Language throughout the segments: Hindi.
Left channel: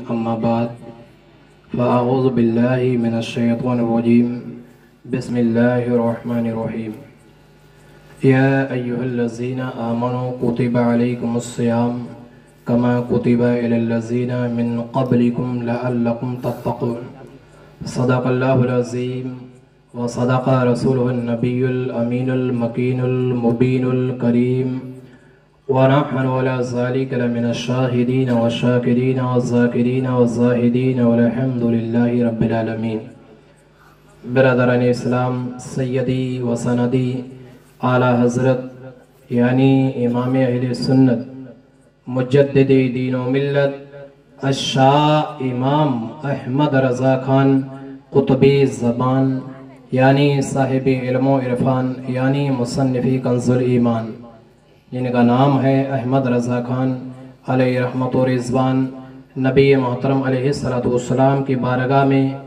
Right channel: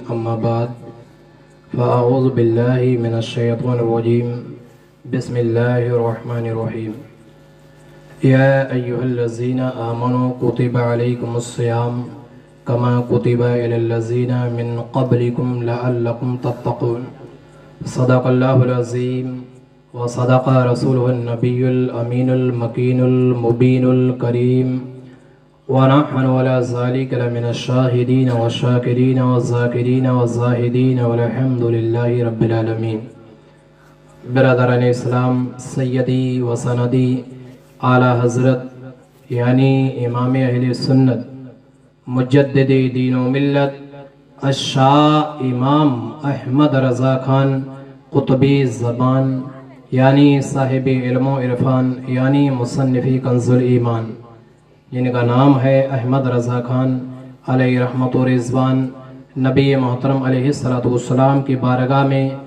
अम्मा बाद फ़अऊज़ु बिल्लाहि मिनश्शैतानिर्रजीम बिस्मिल्लाहिर्रहमानिर्रहीम या अय्युहल्लज़ीना आमनू कुतिबा अलैकुमुस्सियाम कमा कुतिबा अलल्लज़ीना मिन क़ब्लिकुम लअल्लकुम तत्तक़ून सदक़ल्लाहुल अज़ीम व सदक़ रसूलुहुन नबियुल अमीनुल मकीनुल मुबीनुल करीम व नहनु अला ज़ालिका लमिनश शाहिदीन व शाकिरीन व ज़ाकिरीन व ज़ाहिदीन वल्हम्दुलिल्लाहि रब्बिल आलमीन। बिरादरान इस्लाम, सय्यदी व सनदी आला हज़रत यानी इमाम अहले सुन्नत मुजद्दिद दीन व मिल्लत अश-शाह इमाम अहमद रज़ा खान कुतुबी ज़बान यानी साहिब इल्म व इरफान यानी मुसन्निफ़ी कंज़ुल ईमान, जिनका नाम है अहमद रज़ा खान अलैहि रहमत व रिज़वान, नबी मोहतरम अलैहिस्सलातु वस्सलाम की बारगाह में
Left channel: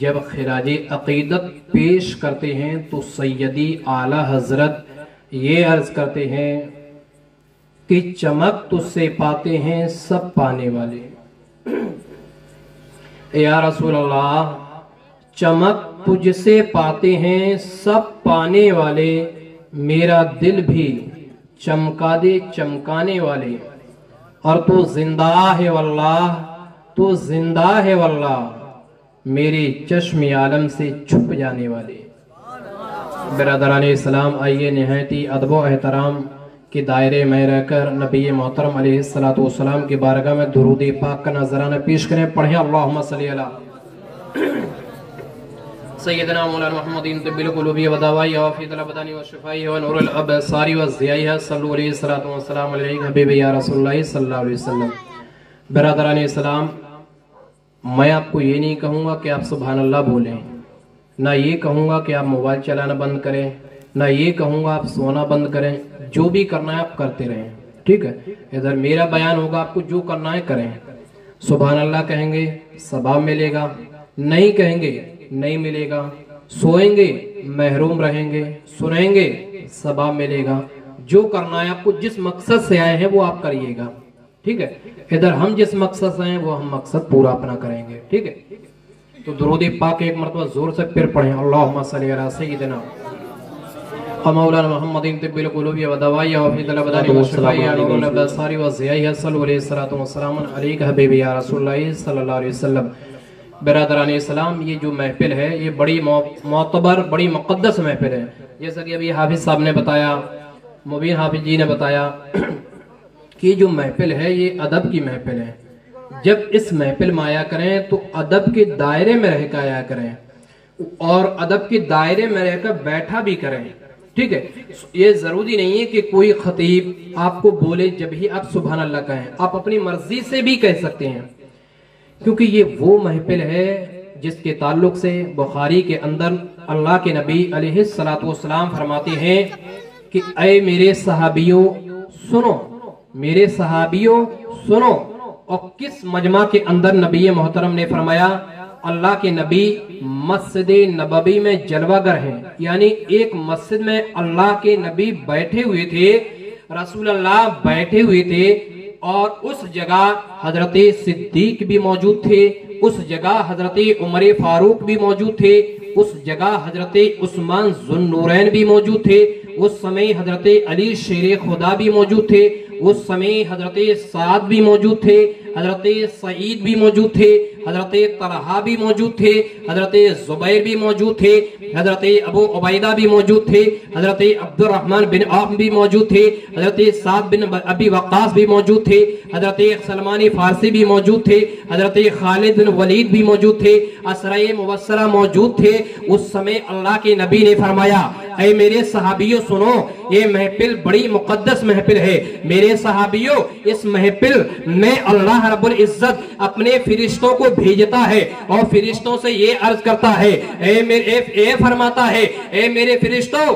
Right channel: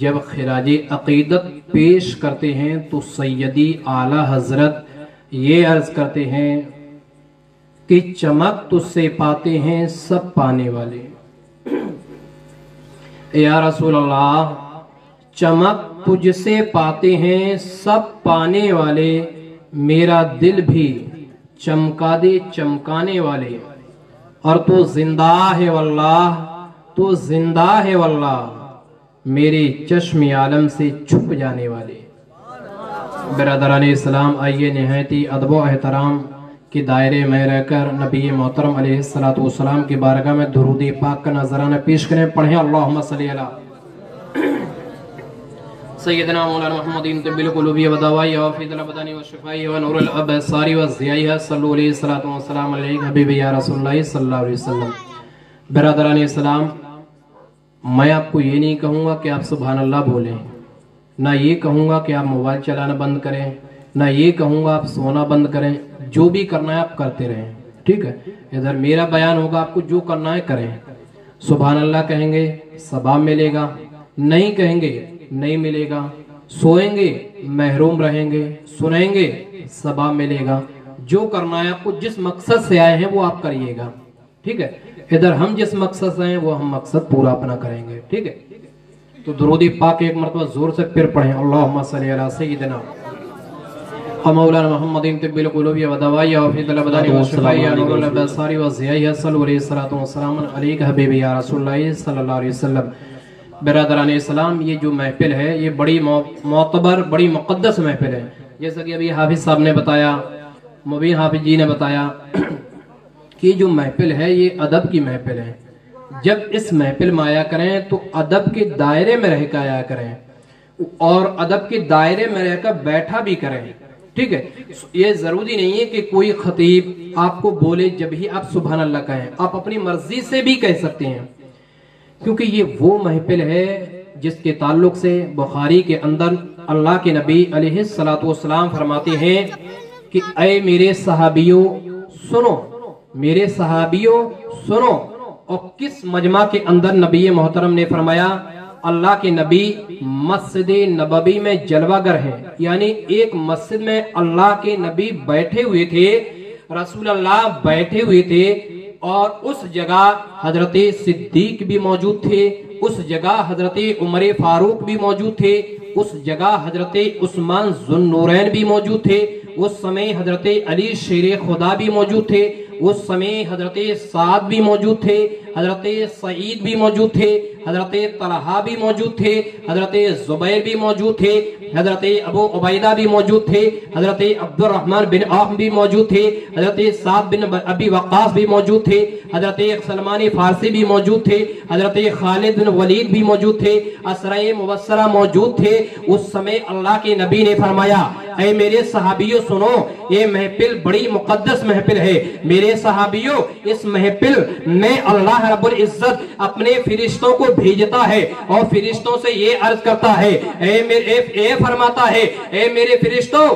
जब खिराजी अक़ीदत पेश करते हैं तो सैयदी आला हज़रत ये अर्ज़ करते हैं कि चमक तुझसे पाते हैं सब पाने वाले। या रसूल अल्लाह, चमक तुझसे पाते हैं सब पाने वाले, मेरा दिल भी चमका दे चमकाने वाले, और तो जिंदा है वल्लाह, तो जिंदा है वल्लाह, मेरे चश्मे आलम से छुप जाने वाले। बिरादरान इस्लाम, आइए निहायती अदब व एहतराम के दायरे में रहकर नबी मोहतरम अलैहिस्सलातु वस्सलाम की बारगाह में दुरूद पाक का नजराना पेश करें। पढ़ें अल्लाहुम्मा सल्ली अला सय्यदना मौलाना मुहम्मदिन तिब्बिल क़ुलूबी व दवाई व फ़ी तलबदानी व शिफ़ाई व नूरुल अबसारी व ज़ियाई सल्लल्लाहु अलैहि सल्लल्लाहु वस्सलाम अलैहि हबीबी या रसूलुल्लाह सल्लल्लाहु अलैहि वसल्लम। बिरादरान इस्लाम, मैं आपको ये नहीं कहूँगा कि आप सुभान अल्लाह बोलें, ना ये कहूँगा कि आप मोबाइल चलाना बंद करें, ना ये कहूँगा आप सोना बंद करें। जो भी करना है आप करते रहें, ठीक है। इधर मेरा बयान होगा, आपको जो करना है करें। सुभान अल्लाह कहेंगे सवाब मिलेगा, नहीं कहेंगे नहीं मिलेगा। सोएंगे महरूम रहेंगे, सुनेंगे सवाब मिलेगा। जो करना है आपको, जिस मकसद से आए हैं वो आप करिएगा, ठीक है। इधर हम जिस मकसद से आए वो हम मकसद पूरा अपना करेंगे, ठीक है। तो दुरूद पाक एक मरतबा जोर से फिर पढ़ें अल्लाहुम्मा सल्ली अला सय्यिदिना मौलाना मुहम्मदिन तिब्बिल क़ुलूबी व दवाई व फ़ी तलबदानी व शिफ़ाई व नूरुल अबसारी व ज़ियाई सल्लल्लाहु अलैहि वसल्लम अलैका हबीबी या रसूलुल्लाह सल्लल्लाहु अलैहि वसल्लम। बिरादरान इस्लाम, ये जो महफिल है ये बड़ी मोतबर, बड़ी मुक़द्दस महफिल है। जैसा कि अभी हाफिज साहब ने बताया, मुबीन हाफिज जी ने बताया कि जो महफिल है ये अदब की महफिल है। जब इस महफिल में आया करें तो अदब के दायरे में रहकर आया करें और अदब के दायरे में रहकर बैठा भी करें, ठीक है। ये जरूरी नहीं है कि कोई खतीब आपको बोले जब ही आप सुभान अल्लाह कहें, आप अपनी मर्जी से भी कह सकते हैं, क्योंकि ये वो महफिल है जिसके ताल्लुक से बुखारी के अंदर अल्लाह के नबी अलैहिस्सलातु वस्सलाम फरमाते हैं कि ऐ मेरे सहाबियों सुनो, मेरे सहाबियों सुनो। और किस मजमा के अंदर नबी मोहतरम ने फरमाया, अल्लाह के नबी मस्जिद नबवी में जलवागर है, यानी एक मस्जिद में अल्लाह के नबी बैठे हुए थे, रसूल अल्लाह बैठे हुए थे, और उस जगह हजरत सिद्दीक भी मौजूद थे, उस जगह हजरत उमर फारूक भी मौजूद थे, उस जगह हजरत उस्मान ज़ुन्नूरैन भी मौजूद थे, उस समय हजरत अली शेर खुदा भी मौजूद थे, उस समय हजरत साद भी मौजूद थे, हजरत सईद भी मौजूद थे, हजरत तलहा भी मौजूद थे, हजरत जुबैर भी मौजूद थे, हजरत अबू उबैदा भी मौजूद थे, हजरत अब्दुर्रहमान बिन औफ भी मौजूद थे, हजरत साद बिन अबी वक्कास भी मौजूद थे, हजरत सलमान फारसी भी मौजूद थे, हजरत खालिद बिन वलीद भी मौजूद थे, असराए मुबस्सरा मौजूद थे। उस समय अल्लाह के नबी ने फरमाया, ऐ मेरे सहाबियों सुनो, ये महफिल बड़ी मुकद्दस महफिल है। मेरे सहाबियों, इस महफिल में अल्लाह रब्बुल इज्जत अपने फरिश्तों को भेजता है और फरिश्तों से ये अर्ज करता है, ए फरमाता है, ए मेरे फरिश्तों,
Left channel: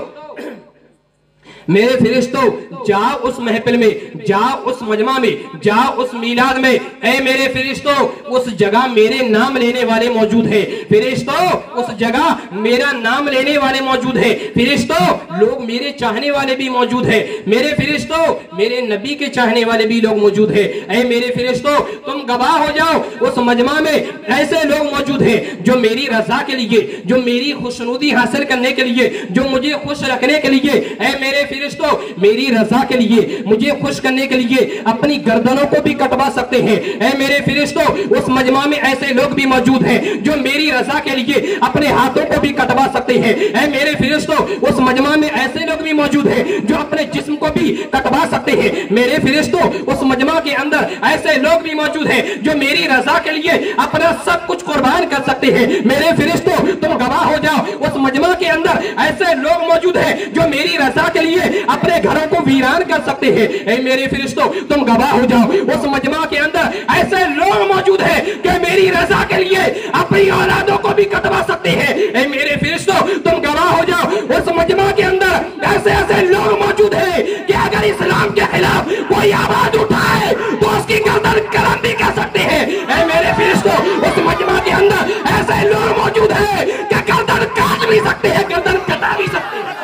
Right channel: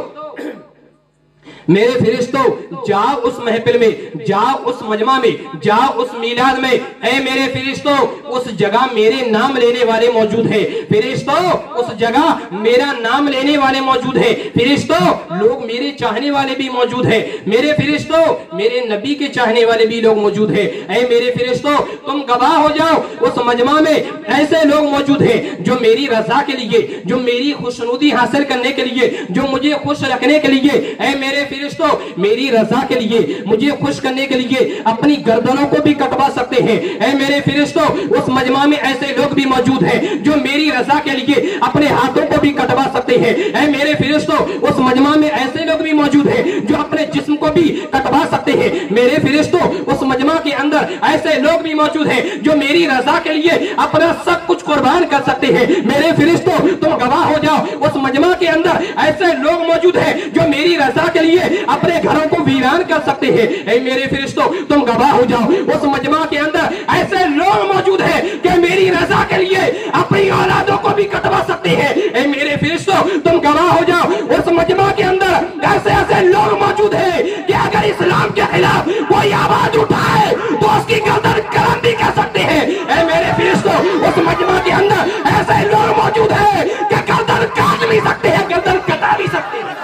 मेरे फरिश्तों जाओ उस महफिल में, जाओ उस मजमा में, जाओ उस मीलाद में। ऐ मेरे फरिश्तों उस जगह मेरे नाम लेने वाले मौजूद है। फरिश्तों उस जगह मेरा नाम लेने वाले मौजूद है। फरिश्तों लोग मेरे चाहने वाले भी मौजूद है। मेरे फरिश्तों मेरे नबी के चाहने वाले भी लोग मौजूद है। ऐ मेरे फरिश्तों तुम गवाह हो जाओ उस मजमा में ऐसे लोग मौजूद है जो मेरी रजा के लिए, जो मेरी खुशनुदी हासिल करने के लिए, जो मुझे खुश रखने के लिए, ऐ मेरे फरिश्तों मेरी रजा के लिए, मुझे खुश करने के लिए अपनी गर्दनों को भी कटवा सकते हैं। ऐ मेरे फरिश्तों उस मजमा में ऐसे लोग भी मौजूद हैं जो मेरी रजा के लिए अपने हाथों को भी कटवा सकते हैं। ऐ मेरे फरिश्तों उस मजमा में ऐसे लोग भी मौजूद हैं जो अपने जिस्म को भी कटवा सकते हैं। मेरे फरिश्तों उस मजमा के अंदर ऐसे लोग भी मौजूद हैं जो मेरी रजा के लिए अपना सब कुछ कुर्बान कर सकते हैं। मेरे फरिश्तों तुम गवाह हो जाओ उस मजमा के अंदर ऐसे लोग मौजूद हैं जो मेरी रजा के लिए अपने घरों को वीरान कर सकते हैं। ऐ मेरे फरिश्तों तुम गवाह हो जाओ उस मजमा के अंदर ऐसे लोग मौजूद हैं कि मेरी रजा के लिए अपनी औलादों को भी कटवा सकते हैं। ऐ मेरे फरिश्तों तुम गवाह हो जाओ उस मजमा के अंदर ऐसे ऐसे लोग मौजूद हैं कि अगर इस्लाम के खिलाफ कोई आवाज उठाए तो उसकी गर्दन कलम भी कर सकते हैं। ऐ मेरे फरिश्तों उस मजमा के अंदर ऐसे लोग मौजूद हैं कि गर्दन काट भी सकते हैं, गर्दन कटा भी सकते हैं।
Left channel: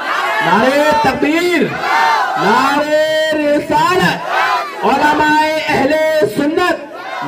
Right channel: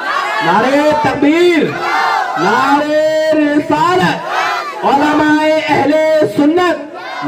नारे तकबीर, नारे रिसालत, उलमाए अहले सुन्नत,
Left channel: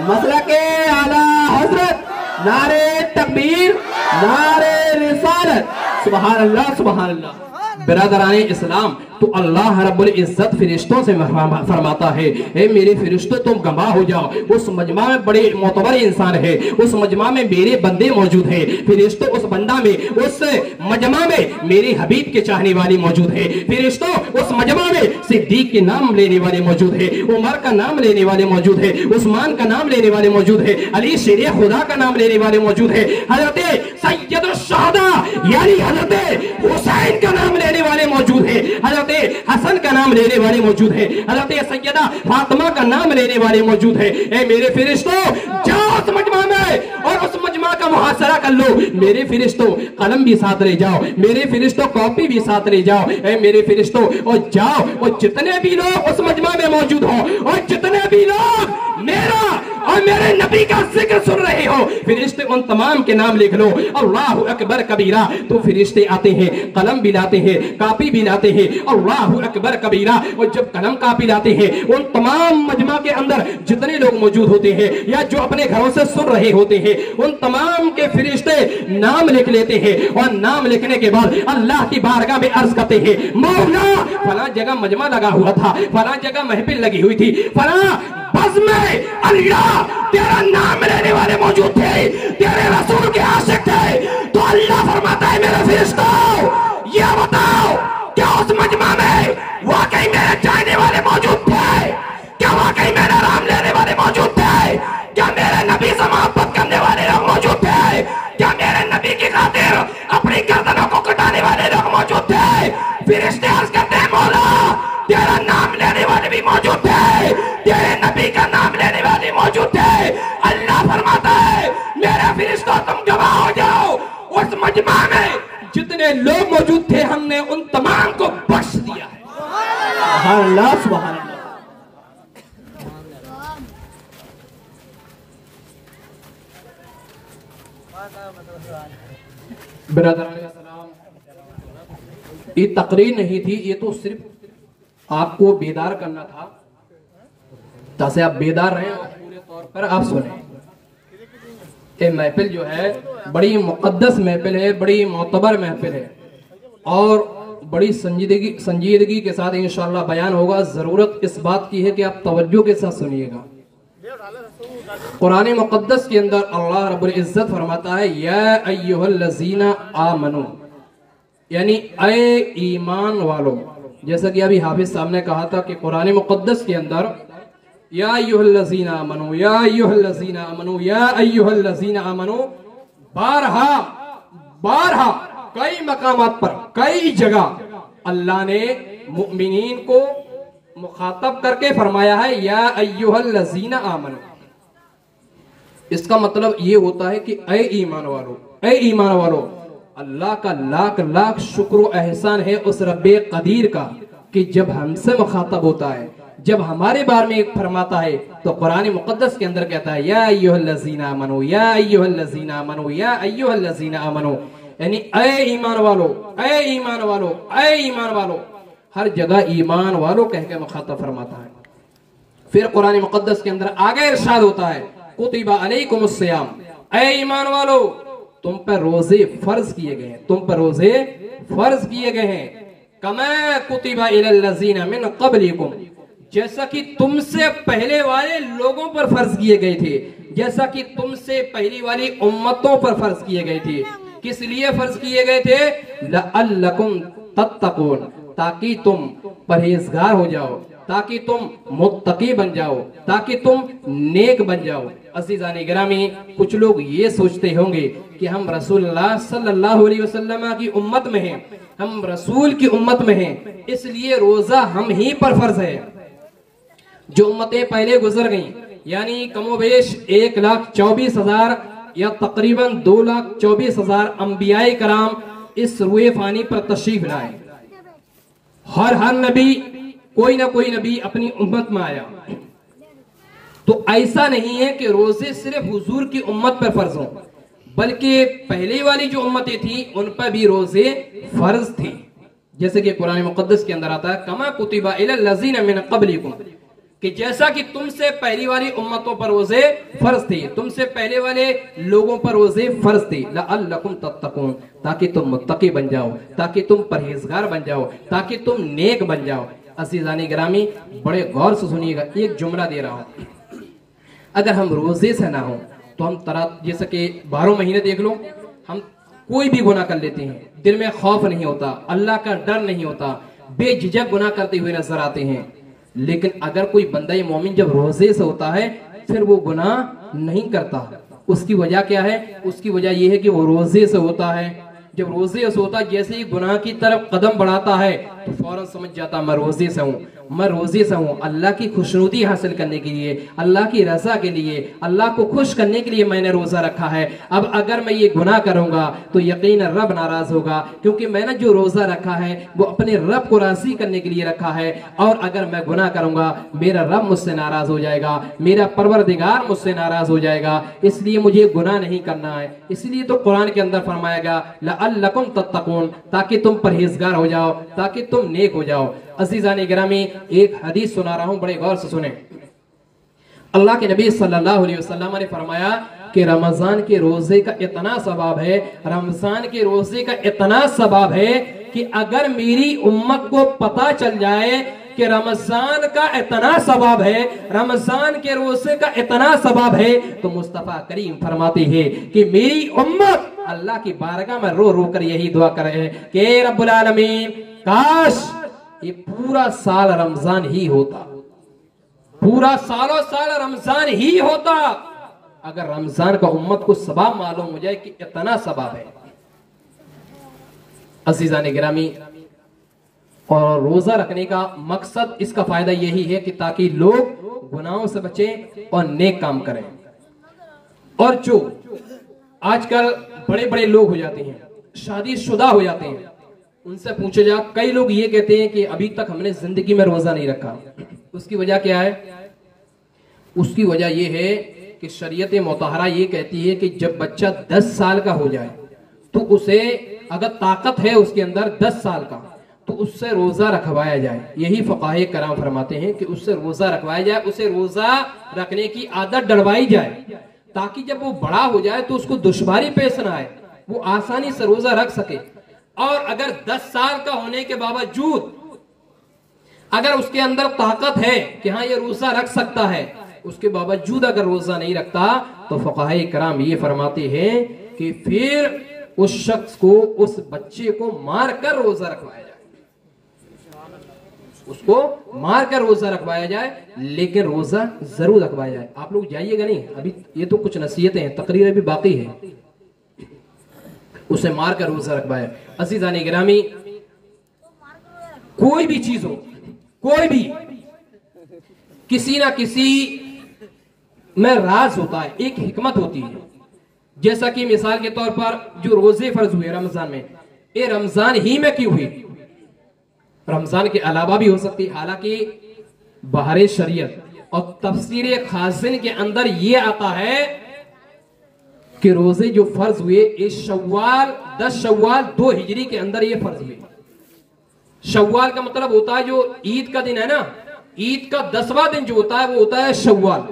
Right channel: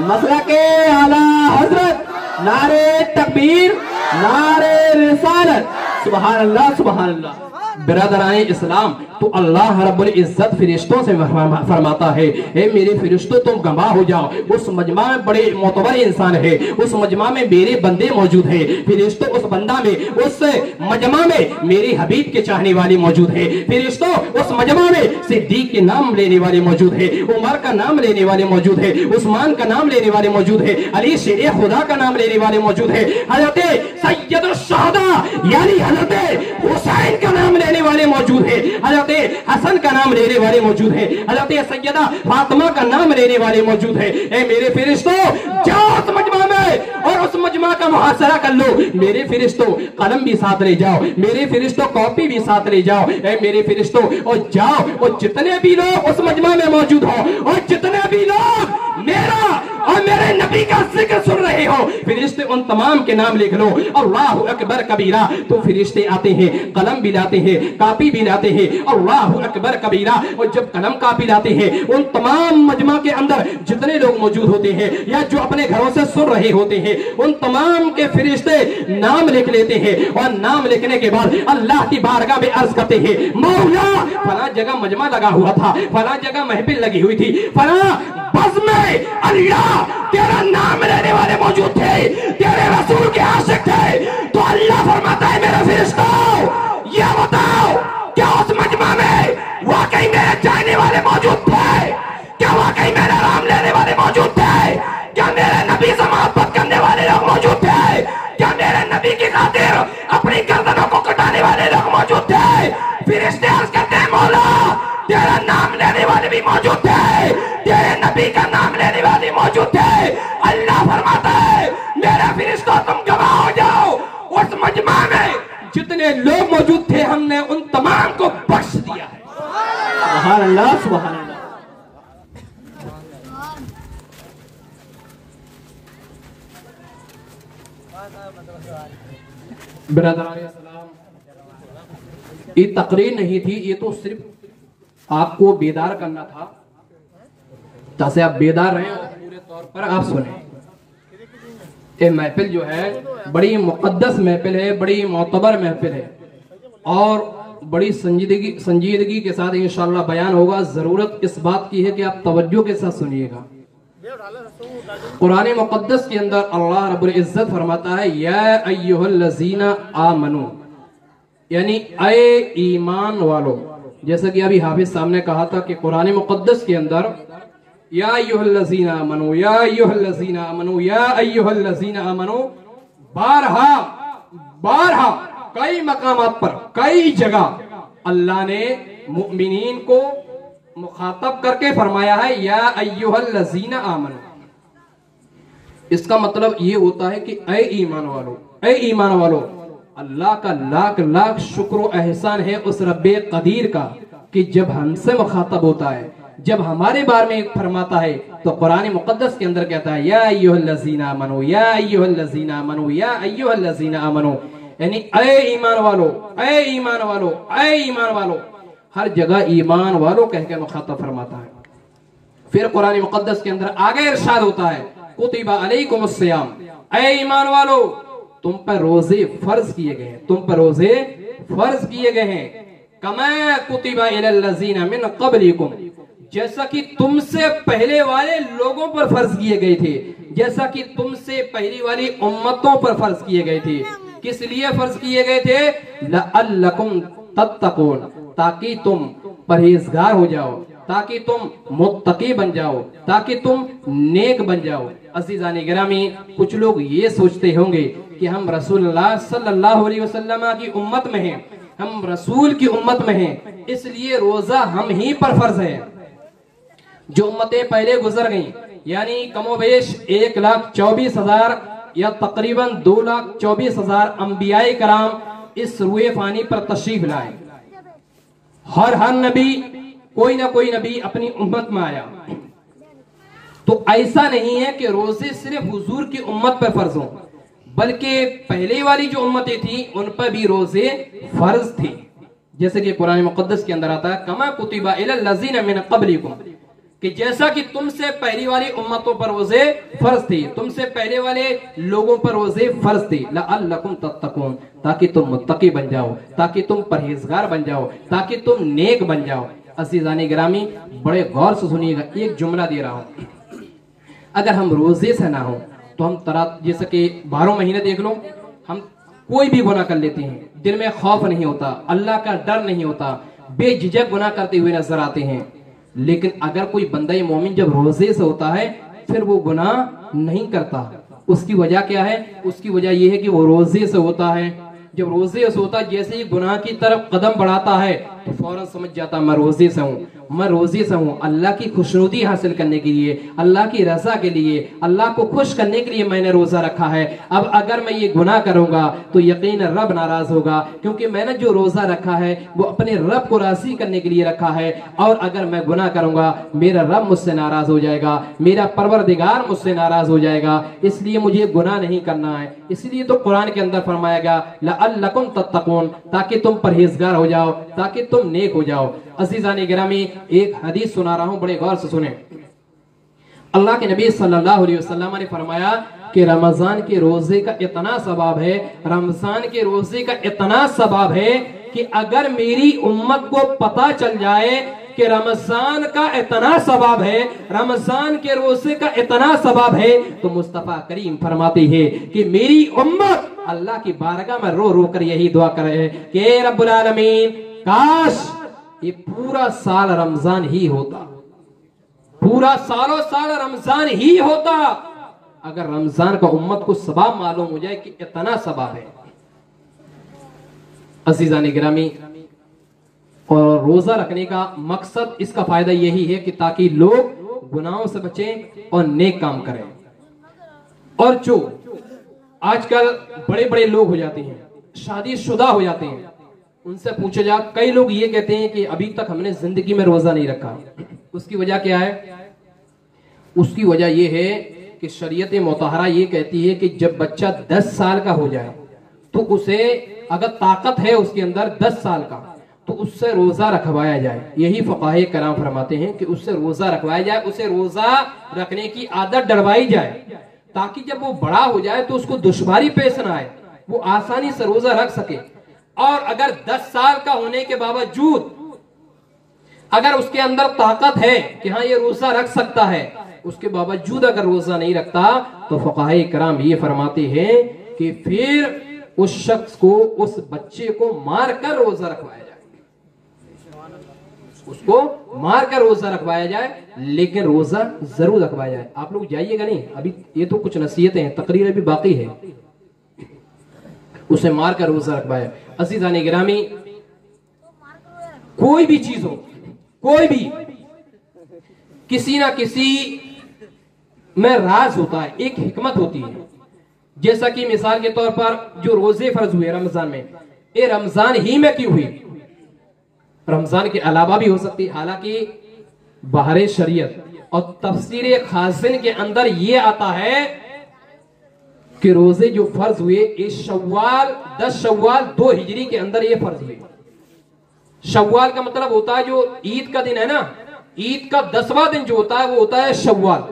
मसलके आला हजरत, नारे तकबीर, नारे रिसालत, सुभान अल्लाह सुभान अल्लाह। बिरादराने इस्लाम तो अल्लाह रब्बुल इज्जत फरिश्तों से फरमाता है ए मेरे फरिश्तों तुम गवाह हो जाओ उस मजमा में बड़े मोतबर इंसान है, उस मजमा में मेरे बंदे मौजूद है। फरिश्तों उस बंदा में, उस मजमा में मेरे हबीब के चाहने वाले मौजूद है। फरिश्तों उस मजमा में सिद्दीक के नाम लेने वाले मौजूद है, उमर का नाम लेने वाले मौजूद है, उस्मान का नाम लेने वाले मौजूद है, अली शेर खुदा का नाम लेने वाले मौजूद है, हजरत सैयदुल शहदा यानी हजरत हुसैन का नाम लेने वाले मौजूद है, हजरत हसन का नाम लेने वाले मौजूद है, हजरत सैयदा फातिमा का नाम लेने वाले मौजूद है। ए मेरे फरिश्तों जाओ उस मजमा में और उस मजमा का मुहासरा कर लो। मेरे फरिश्तों कलम भी साथ ले जाओ, मेरे फरिश्तों कॉपी भी साथ ले जाओ। ए मेरे फरिश्तों और जाओ और जितने भी लोग उस मजमा में मौजूद हो और जितने भी लोग मेरा और मेरे नबी का जिक्र सुन रहे हो फरिश्ते उन तमाम के नाम लिख लो। अल्लाहु अकबर कबीरा। तो फरिश्ते आते हैं, कलम भी लाते हैं, कापी भी लाते हैं। अल्लाहु अकबर कबीरा। और जब कलम कापी लाते हैं उन तमाम मजमा के अंदर जितने लोग मौजूद होते हैं या जो अपने घरों से सुन रहे होते हैं उन तमाम के फरिश्ते नाम लिख लेते हैं और नाम लिखने के बाद अल्लाह की बारगाह में अर्ज करते हैं मौला फला जगह मजमा लगा हुआ था, फला जगह महफिल लगी हुई थी, फला बस में अल्लाह तेरा नाम लेने वाले मौजूद थे, तेरे रसूल के आशिक थे। तो अल्लाह फरमाता है मेरे फरिश्तों ये बताओ क्या उस मजमा में वाकई मेरे चाहने वाले मौजूद थे? क्या वाकई मेरा नाम लेने वाले मौजूद थे? क्या मेरे नबी से मोहब्बत करने वाले लोग मौजूद थे? क्या मेरे नबी की खातिर अपनी गर्दनों को कटाने वाले लोग मौजूद थे? फरिश्ते अर्ज करते हैं मौला तेरा नाम लेने वाले भी मौजूद थे, तेरे नबी का नाम लेने वाले मौजूद थे। अल्लाह फरमाता है मेरे फरिश्तों तुम गवाह हो जाओ उस मजमा में जितने लोग मौजूद थे हमने उन तमाम को बख्श दिया है। सुभान अल्लाह सुभान अल्लाह। बिरादरान सलाम ये तकरीर नहीं थी, ये तो सिर्फ आपको बेदार करना था ताकि आप बेदार रहें और पूरे तौर पर आप सुने। ये महफिल जो है बड़ी मुक़द्दस महफिल है, बड़ी मोतबर महफिल है और बड़ी संजीदगी के साथ इंशाअल्लाह बयान होगा। जरूरत इस बात की है कि आप तवज्जो के साथ सुनिएगा। कुरान मुक़द्दस के अंदर अल्लाह रब्बुल इज्जत फरमाता है या अय्युहल्लज़ीना आमनू यानी ऐ ईमान वालों। जैसा कि अभी हाफिज साहब ने कहा था कि कुरान मुक़द्दस के अंदर या अय्युहल्लज़ीना आमनू या अय्युहल्लज़ीना आमनू या अय्युहल्लज़ीना आमनू बारहा बारहा कई मकामात पर कई जगह अल्लाह ने मुमिनीन को मुखातब करके फरमाया है या अय्युहल्लज़ीना आमनू। इसका मतलब ये होता है कि ऐ ईमान वालों, ऐ ईमान वालों, अल्लाह का लाख लाख शुक्र एहसान है उस रब्बे कदीर का कि जब हमसे मुखातब होता है, जब हमारे बारे में फरमाता है, तो कुरान मुकद्दस के अंदर कहता है या अय्युहल्लज़ीना आमनू, या अय्युहल्लज़ीना आमनू, या अय्युहल्लज़ीना आमनू, यानी ऐ ईमान वालो, ऐ ईमान वालो, ऐ ईमान वालो। हर जगह ईमान वालो कह के मुखातब फरमाता है। फिर कुरान मुकद्दस के अंदर आगे इरशाद होता है कुतिबा अलैकुमुस सियाम, ऐ ईमान वालो तुम पर रोजे फर्ज किए गए हैं, तुम पर रोजे फर्ज किए गए हैं। कमा कुतिबा इलल्लज़ीना मिन क़ब्लिकुम, जैसा कि तुमसे पहले वाले लोगों पर फर्ज किए गए थे, जैसा कि तुमसे पहली वाली उम्मतों पर फर्ज किए गए थे। किस लिए फर्ज किए गए थे? लअल्लकुम तत्तकून, ताकि तुम परहेजगार हो जाओ, ताकि तुम मुत्तकी बन जाओ, ताकि तुम नेक बन जाओ। अज़ीज़ान गिरामी, कुछ लोग ये सोचते होंगे कि हम रसूलुल्लाह सल्लल्लाहु अलैहि वसल्लम की उम्मत में हैं, हम रसूल की उम्मत में हैं, इसलिए रोजा हम ही पर फर्ज है। जो उम्मतें पहले गुजर गईं, यानी कमोबेश 1,24,000 या तकरीबन 2,24,000 अंबियाए कराम इस रुए फानी पर तशरीफ लाए। हर नबी कोई ना कोई नबी अपनी उम्मत में आया। तो ऐसा नहीं है कि रोजे सिर्फ हुजूर की उम्मत पर फर्ज हों, बल्कि पहले वाली जो उम्मतें थी उन पर भी रोजे फर्ज थे। जैसे कि कुरान मुकद्दस के अंदर आता है कमा कुतिबा इलल्लज़ीना मिन क़ब्लिकुम, कि जैसा कि तुमसे पहली वाली उम्मतों पर रोजे फर्ज थे, तुमसे पहले वाले लोगों पर रोजे फर्ज थे, लअल्लकुम तत्तकून, ताकि तुम मुत्तकी बन जाओ, ताकि तुम परहेजगार बन जाओ, ताकि तुम नेक बन जाओ। अज़ीज़ान गिरामी, बड़े गौर से सुनिएगा, एक जुमला दे रहा हूं। अगर हम रोजे से ना हो तो हम जैसे कि 12 महीने देख लो, हम कोई भी गुनाह कर लेते हैं, दिल में खौफ नहीं होता, अल्लाह का डर नहीं होता, बेझिझक गुनाह करते हुए नजर आते हैं। लेकिन अगर कोई बंदा मोमिन जब रोजे से होता है फिर वो गुनाह नहीं करता। उसकी वजह क्या है? उसकी वजह यह है कि वो रोजे से होता है। जब रोजे से होता है, जैसे ही गुनाह की तरफ कदम बढ़ाता है तो फौरन समझ जाता मैं रोजे से हूँ, मैं रोजे से हूँ। अल्लाह की खुशनुदी हासिल करने के लिए, अल्लाह की रजा के लिए, अल्लाह को खुश करने के लिए मैंने रोजा रखा है। अब अगर मैं ये गुनाह करूंगा तो यकीन रब नाराज होगा, क्योंकि मैंने जो रोजा रखा है वो अपने रब को राजी करने के लिए रखा है। और अगर मैं गुनाह करूंगा मेरा रब मुझसे नाराज हो जाएगा, मेरा परवरदिगार मुझसे नाराज हो जाएगा। इसलिए मुझे गुनाह नहीं करना है। इसलिए तो कुरान के अंदर फरमाएगा लअल्लकुम तत्तकून, ताकि तुम परहेजगार हो जाओ, ताकि तुम नेक हो जाओ। अज़ीज़ान गिरामी, एक हदीस सुना रहा हूं, बड़े गौर से सुने। अल्लाह के नबी सल्लल्लाहु अलैहि वसल्लम ने फरमाया कि रमजान के रोजे का इतना सवाब है, रमजान के रोजे का इतना सवाब है कि अगर मेरी उम्मत को पता चल जाए कि रमजान का इतना सवाब है, रमजान के रोजे का इतना सवाब है, तो मुस्तफा करीम फरमाते हैं कि मेरी उम्मत अल्लाह की बारगाह में रो रो कर यही दुआ करे कि रब्बुल आलमीन, काश ये पूरा साल रमजान ही होता, पूरा सालों साल रमजान ही होता। अगर रमजान का उम्मत को सवाब मालूम हो जाए कि इतना सवाब है। अज़ीज़ान गिरामी, और रोजा रखने का मकसद, इसका फायदा यही है कि ताकि लोग गुनाहों से बचें और नेक काम करें। और जो आजकल बड़े बड़े लोग हो जाते हैं, शादीशुदा हो जाते हैं, उनसे पूछे जा, कई लोग ये कहते हैं कि अभी तक हमने जिंदगी में रोजा नहीं रखा। उसकी वजह क्या है? उसकी वजह यह है कि शरीयत मुतहरा ये कहती है कि जब बच्चा 10 साल का हो जाए तो उसे, अगर ताकत है उसके अंदर 10 साल का, तो उससे रोजा रखवाया जाए। यही फकाहे कराम फरमाते हैं कि उससे रोजा रखवाया जाए, उसे रोजा रखने की आदत डलवाई जाए, ताकि जब वो बड़ा हो जाए तो उसको दुश्वारी पेश ना आए, वो आसानी से रोजा रख सके। और अगर 10 साल का होने के बावजूद अगर उसके अंदर ताकत है कि हाँ ये रोजा रख सकता है, उसके बावजूद अगर रोजा नहीं रखता, तो फकाहे कराम ये फरमाते हैं कि फिर उस शख्स को, उस बच्चे को मार कर रोजा रखवाया जाए, उसको मार कर रोजा रखवाया जाए, लेकिन रोजा जरूर रखवाया जाए। आप लोग जाइएगा नहीं, अभी ये तो कुछ नसीहतें हैं, तकरीरें भी बाकी है, उसे मार कर रोजा रखवाया। अज़ीज़ान गिरामी, कोई भी चीज हो, कोई भी, किसी ना किसी में राज होता है, एक हिकमत होती है। जैसा कि मिसाल के तौर पर जो रोजे फर्ज हुए रमजान में, ये रमजान ही में क्यों हुए? रमजान के अलावा भी हो सकती है। हालांकि बहरे शरीयत और तफसीर खासिन के अंदर ये आता है कि रोजे जो फर्ज हुए इस शव्वाल 10 शव्वाल 2 हिजरी के अंदर ये फर्ज हुए। शव्वाल का मतलब होता है जो ईद का दिन है ना, ईद का 10वां दिन जो होता है वो होता है शव्वाल।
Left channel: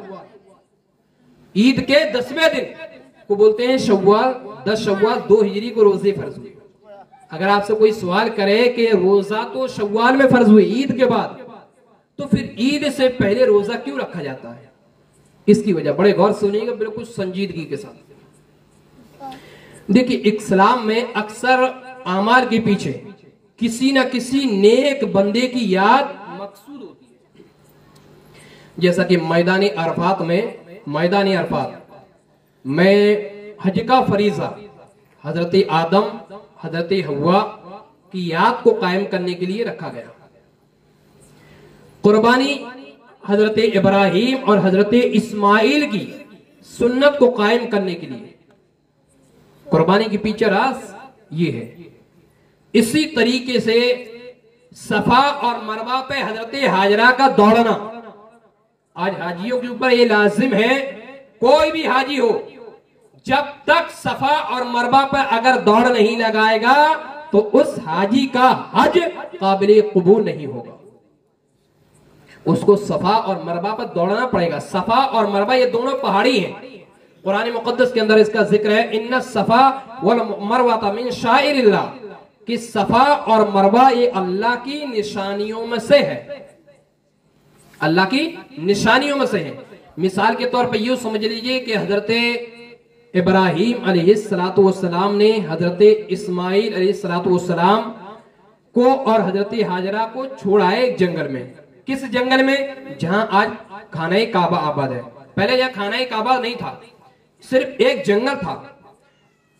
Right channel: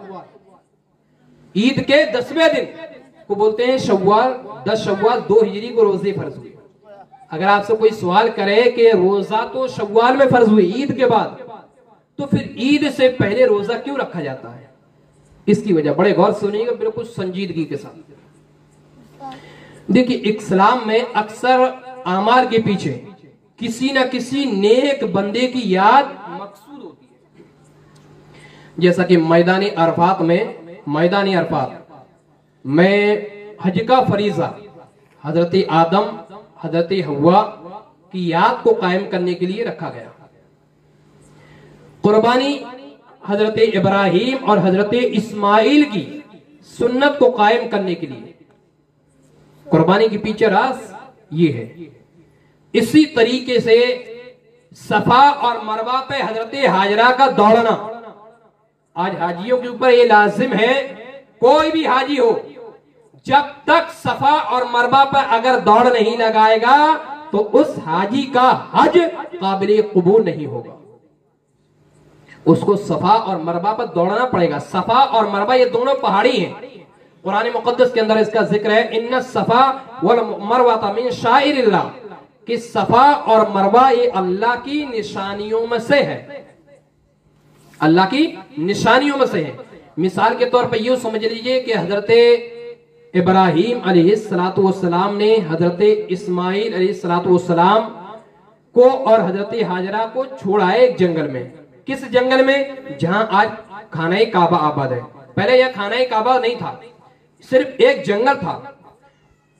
ईद के 10वें दिन को बोलते हैं शव्वाल। 10 शव्वाल 2 हिजरी को रोजे फर्ज हुए। अगर आपसे कोई सवाल करे कि रोजा तो शव्वाल में फर्ज हुए ईद के बाद, तो फिर ईद से पहले रोजा क्यों रखा जाता है? इसकी वजह बड़े गौर से सुनिएगा, बिल्कुल संजीदगी के साथ। देखिए, इस्लाम में अक्सर आमाल के पीछे किसी न किसी नेक बंदे की याद मकसूद होती है। जैसा कि मैदानी अरफात में हज का फरीजा हजरत आदम हजरत हव्वा की याद को कायम करने के लिए रखा गया। कुर्बानी हजरत इब्राहिम और हजरत इस्माइल की सुन्नत को कायम करने के लिए कुर्बानी के पीछे राज ये है। इसी तरीके से सफा और मरवा पे हजरत हाजरा का दौड़ना, आज हाजियों के ऊपर ये लाजिम है, कोई भी हाजी हो जब तक सफा और मरवा पर अगर दौड़ नहीं लगाएगा तो उस हाजी का हज काबिल कबूल नहीं होगा। उसको सफा और मरवा पर दौड़ना पड़ेगा। सफा और मरवा ये दोनों पहाड़ी हैं। कुरान मुकद्दस के अंदर इसका जिक्र है, इन्ना सफा वल मरवा मिन शाइरिल्लाह, कि सफा और मरवा ये अल्लाह की निशानियों में से है, अल्लाह की निशानियों में से है। मिसाल के तौर पर यूं समझ लीजिए कि हजरत इब्राहिम अलैहिस्सलातु वस्सलाम ने हजरत इस्माइल अलैहिस्सलातु वस्सलाम को और हजरत हाजरा को छोड़ा है एक जंगल में। किस जंगल में? जहां आज खाना काबा आबाद है। पहले यह खाना काबा नहीं था, सिर्फ एक जंगल था।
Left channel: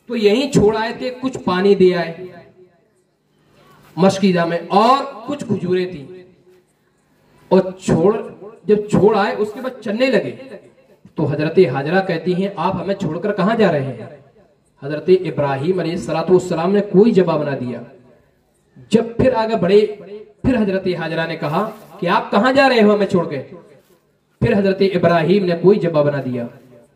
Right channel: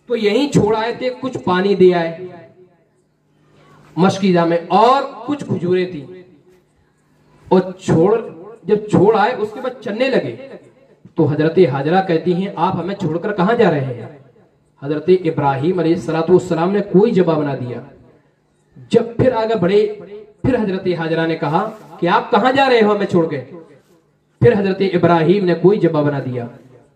तो यहीं छोड़ आए थे, कुछ पानी दे आए मशकीजा में और कुछ खजूरें थी, और जब छोड़ आए उसके बाद चलने लगे तो हजरत हाजरा कहती हैं, आप हमें छोड़कर कहां जा रहे हैं? हजरत इब्राहिम अलैहिस्सलाम ने कोई जवाब ना दिया। जब फिर आगे बढ़े, फिर हजरत हाजरा ने कहा कि आप कहां जा रहे हो हमें छोड़ के? फिर हजरत इब्राहिम ने कोई जवाब ना दिया।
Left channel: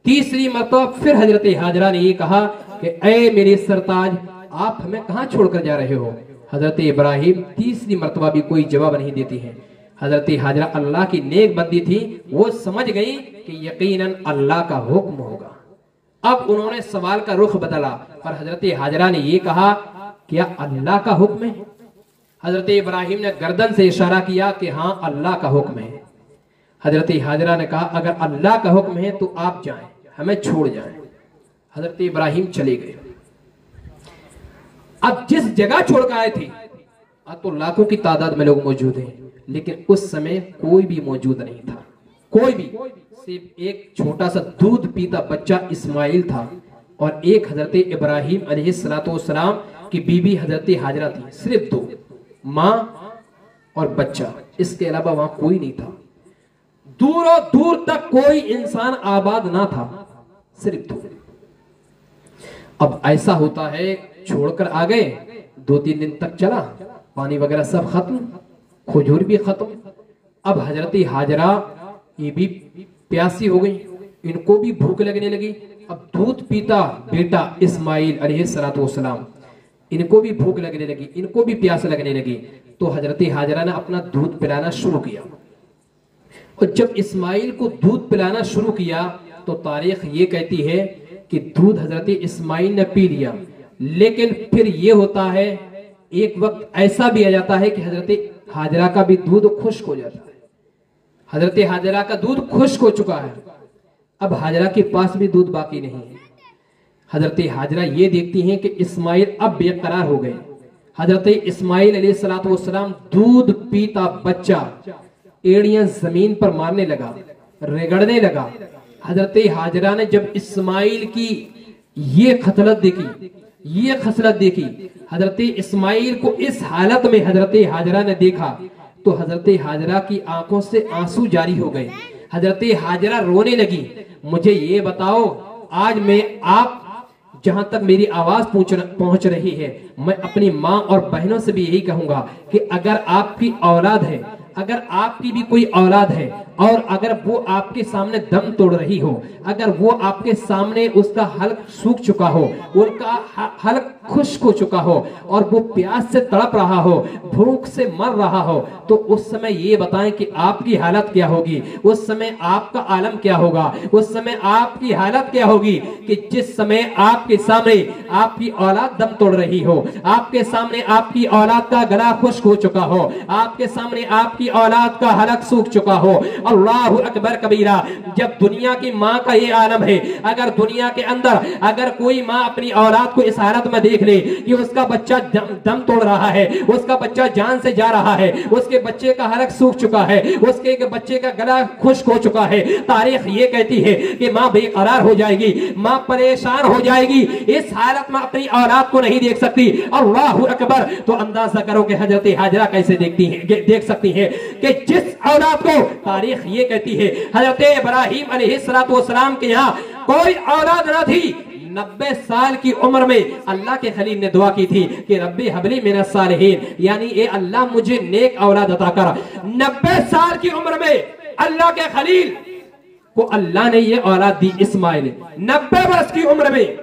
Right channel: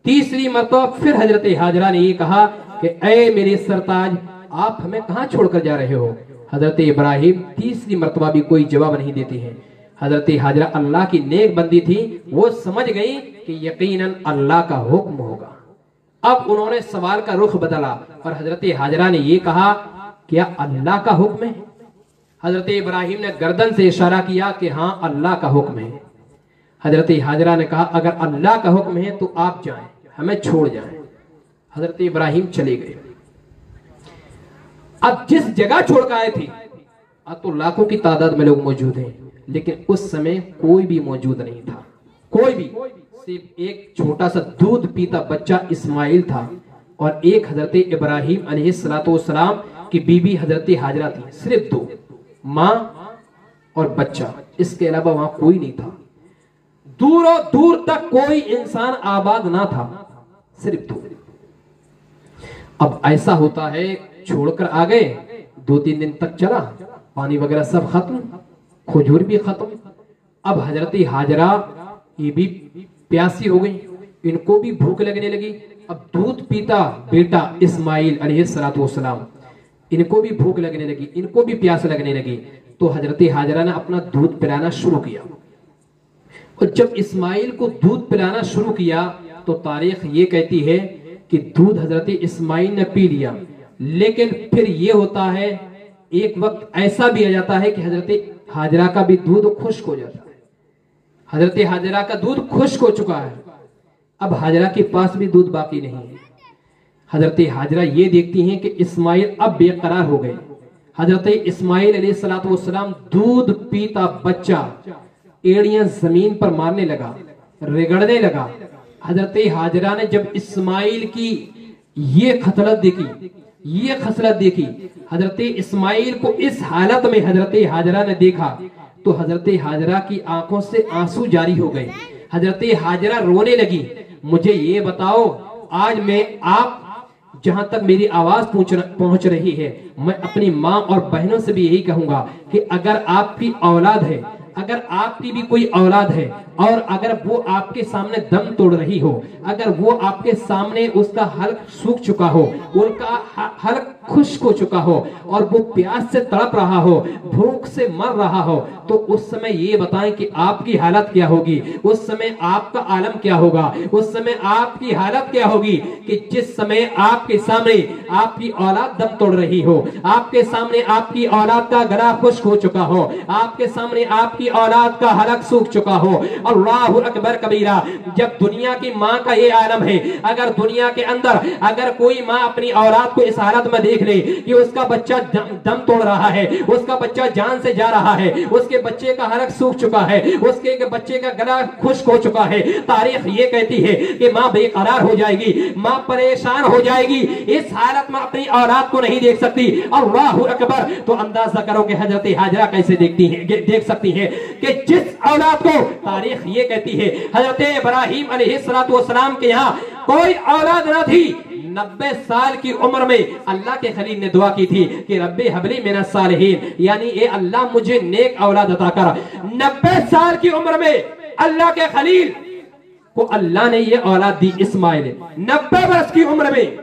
तीसरी मरतबा फिर हजरत हाजरा ने ये कहा कि ऐ मेरे सरताज, आप हमें कहां छोड़कर जा रहे हो? हजरत इब्राहिम तीसरी मरतबा भी कोई जवाब नहीं देती हैं। हजरत हाजरा अल्लाह की नेक बंदी थी, वो समझ गई कि यकीनन अल्लाह का हुक्म होगा। अब उन्होंने सवाल का रुख बदला और हजरत हाजरा ने ये कहा, क्या अल्लाह का हुक्म है? हजरत इब्राहिम ने गर्दन से इशारा किया कि हाँ अल्लाह का हुक्म है। हजरत हाजरा ने कहा, अगर अल्लाह का हुक्म है तो आप जाएं, हमें छोड़ जाएं। हजरत इब्राहिम चले गए। अब जिस जगह छोड़ कर आए थे, अब तो लाखों की तादाद में लोग मौजूद हैं, लेकिन उस समय कोई भी मौजूद नहीं था, कोई भी। सिर्फ एक छोटा सा दूध पीता बच्चा इस्माइल था और एक हजरत इब्राहिम अलैहिस्सलाम की बीबी हजरत हाजरा थी। सिर्फ दो, माँ और बच्चा, इसके अलावा वहां कोई नहीं था। दूरों दूर तक कोई इंसान आबाद ना था, सिर्फ दो। अब ऐसा होता है, छोड़कर आ गए, 2-3 दिन तक चला, पानी वगैरह सब खत्म, खजूर भी खत्म। अब हजरत हाजरा ये भी प्यासी हो गई, इनको भी भूख लगने लगी। अब दूध पीता बेटा इस्माइल अलैहिस्सलाम, इनको भी भूख लगने लगी, इनको भी प्यास लगने लगी। तो हजरत हाजरा ने अपना दूध पिलाना शुरू किया। और जब इस्माइल को दूध पिलाना शुरू किया तो तारीख ये कहती है कि दूध हजरत इस्माइल ने पी लिया। लेकिन फिर ये होता है, एक वक्त ऐसा भी आ जाता है कि हजरत हाजरा का भी दूध खुश्क हो जाता है। हजरत हाजरा का दूध खुश्क हो चुका है, अब हाजरा के पास भी दूध बाकी नहीं है। हजरत हाजरा ये देखती हैं कि इस्माइल अब बेकरार हो गए। हजरत इस्माइल अलैहिस्सलाम दूध पीता बच्चा एड़ियां जमीन पर मारने लगा, रगड़ने लगा। हजरत हाजरा ने जब इस्माइल की ये खसलत देखी, हजरत इस्माइल को इस हालत में हजरत हाजरा ने देखा तो हजरत हाजरा की आंखों से आंसू जारी हो गए। हजरत हाजरा रोने लगी, मुझे ये बताओ, आज मैं आप जहां तक मेरी आवाज पहुंच रही है, मैं अपनी माँ और बहनों से भी यही कहूंगा कि अगर आपकी औलाद है, अगर आपकी भी कोई औलाद है और अगर वो आपके सामने दम तोड़ रही हो, अगर वो आपके सामने उसका हल्क सूख चुका हो, उनका हल्क खुश्क हो चुका हो और वो प्यास से तड़प रहा हो, भूख से मर रहा हो, तो उस समय ये बताएं कि आपकी हालत क्या होगी, उस समय आपका आलम क्या होगा, उस समय आपकी हालत क्या होगी कि जिस समय आपके सामने आपकी औलाद दम तोड़ रही हो, आपके सामने आपकी औलाद का गला खुश्क हो चुका हो, आपके सामने आपकी औलाद का हलक सूख चुका हो। अल्लाहु अकबर कबीरा। जब दुनिया की माँ का ये आलम है, अगर दुनिया के अंदर अगर कोई माँ अपनी औलाद को इस हालत में देख ले कि उसका बच्चा दम तोड़ रहा है, उसका बच्चा जान से जा रहा है, उसके बच्चे का हलक सूख चुका है, उसके बच्चे का गला खुश्क हो चुका है, तारीख ये कहती है कि माँ बेकरार हो जाएगी, माँ परेशान हो जाएगी, इस हालत में अपनी औलाद को नहीं देख सकती। अल्लाहु अकबर। तो अंदाजा करो कि हजरत हाजरा कैसे देख सकती है कि जिस औलाद को तारीख ये कहती है हजरत इब्राहीम अलैहिस्सलाम के यहाँ कोई औलाद न थी, 90 साल की उम्र में अल्लाह के खलील ने दुआ की थी कि रब्बे हबली मिनस सालिहीन, यानी ए अल्लाह मुझे नेक औलाद अता कर। 90 साल की उम्र में अल्लाह के खलील को अल्लाह ने ये औलाद दी, इस्माइल, 90 वर्ष की उम्र में।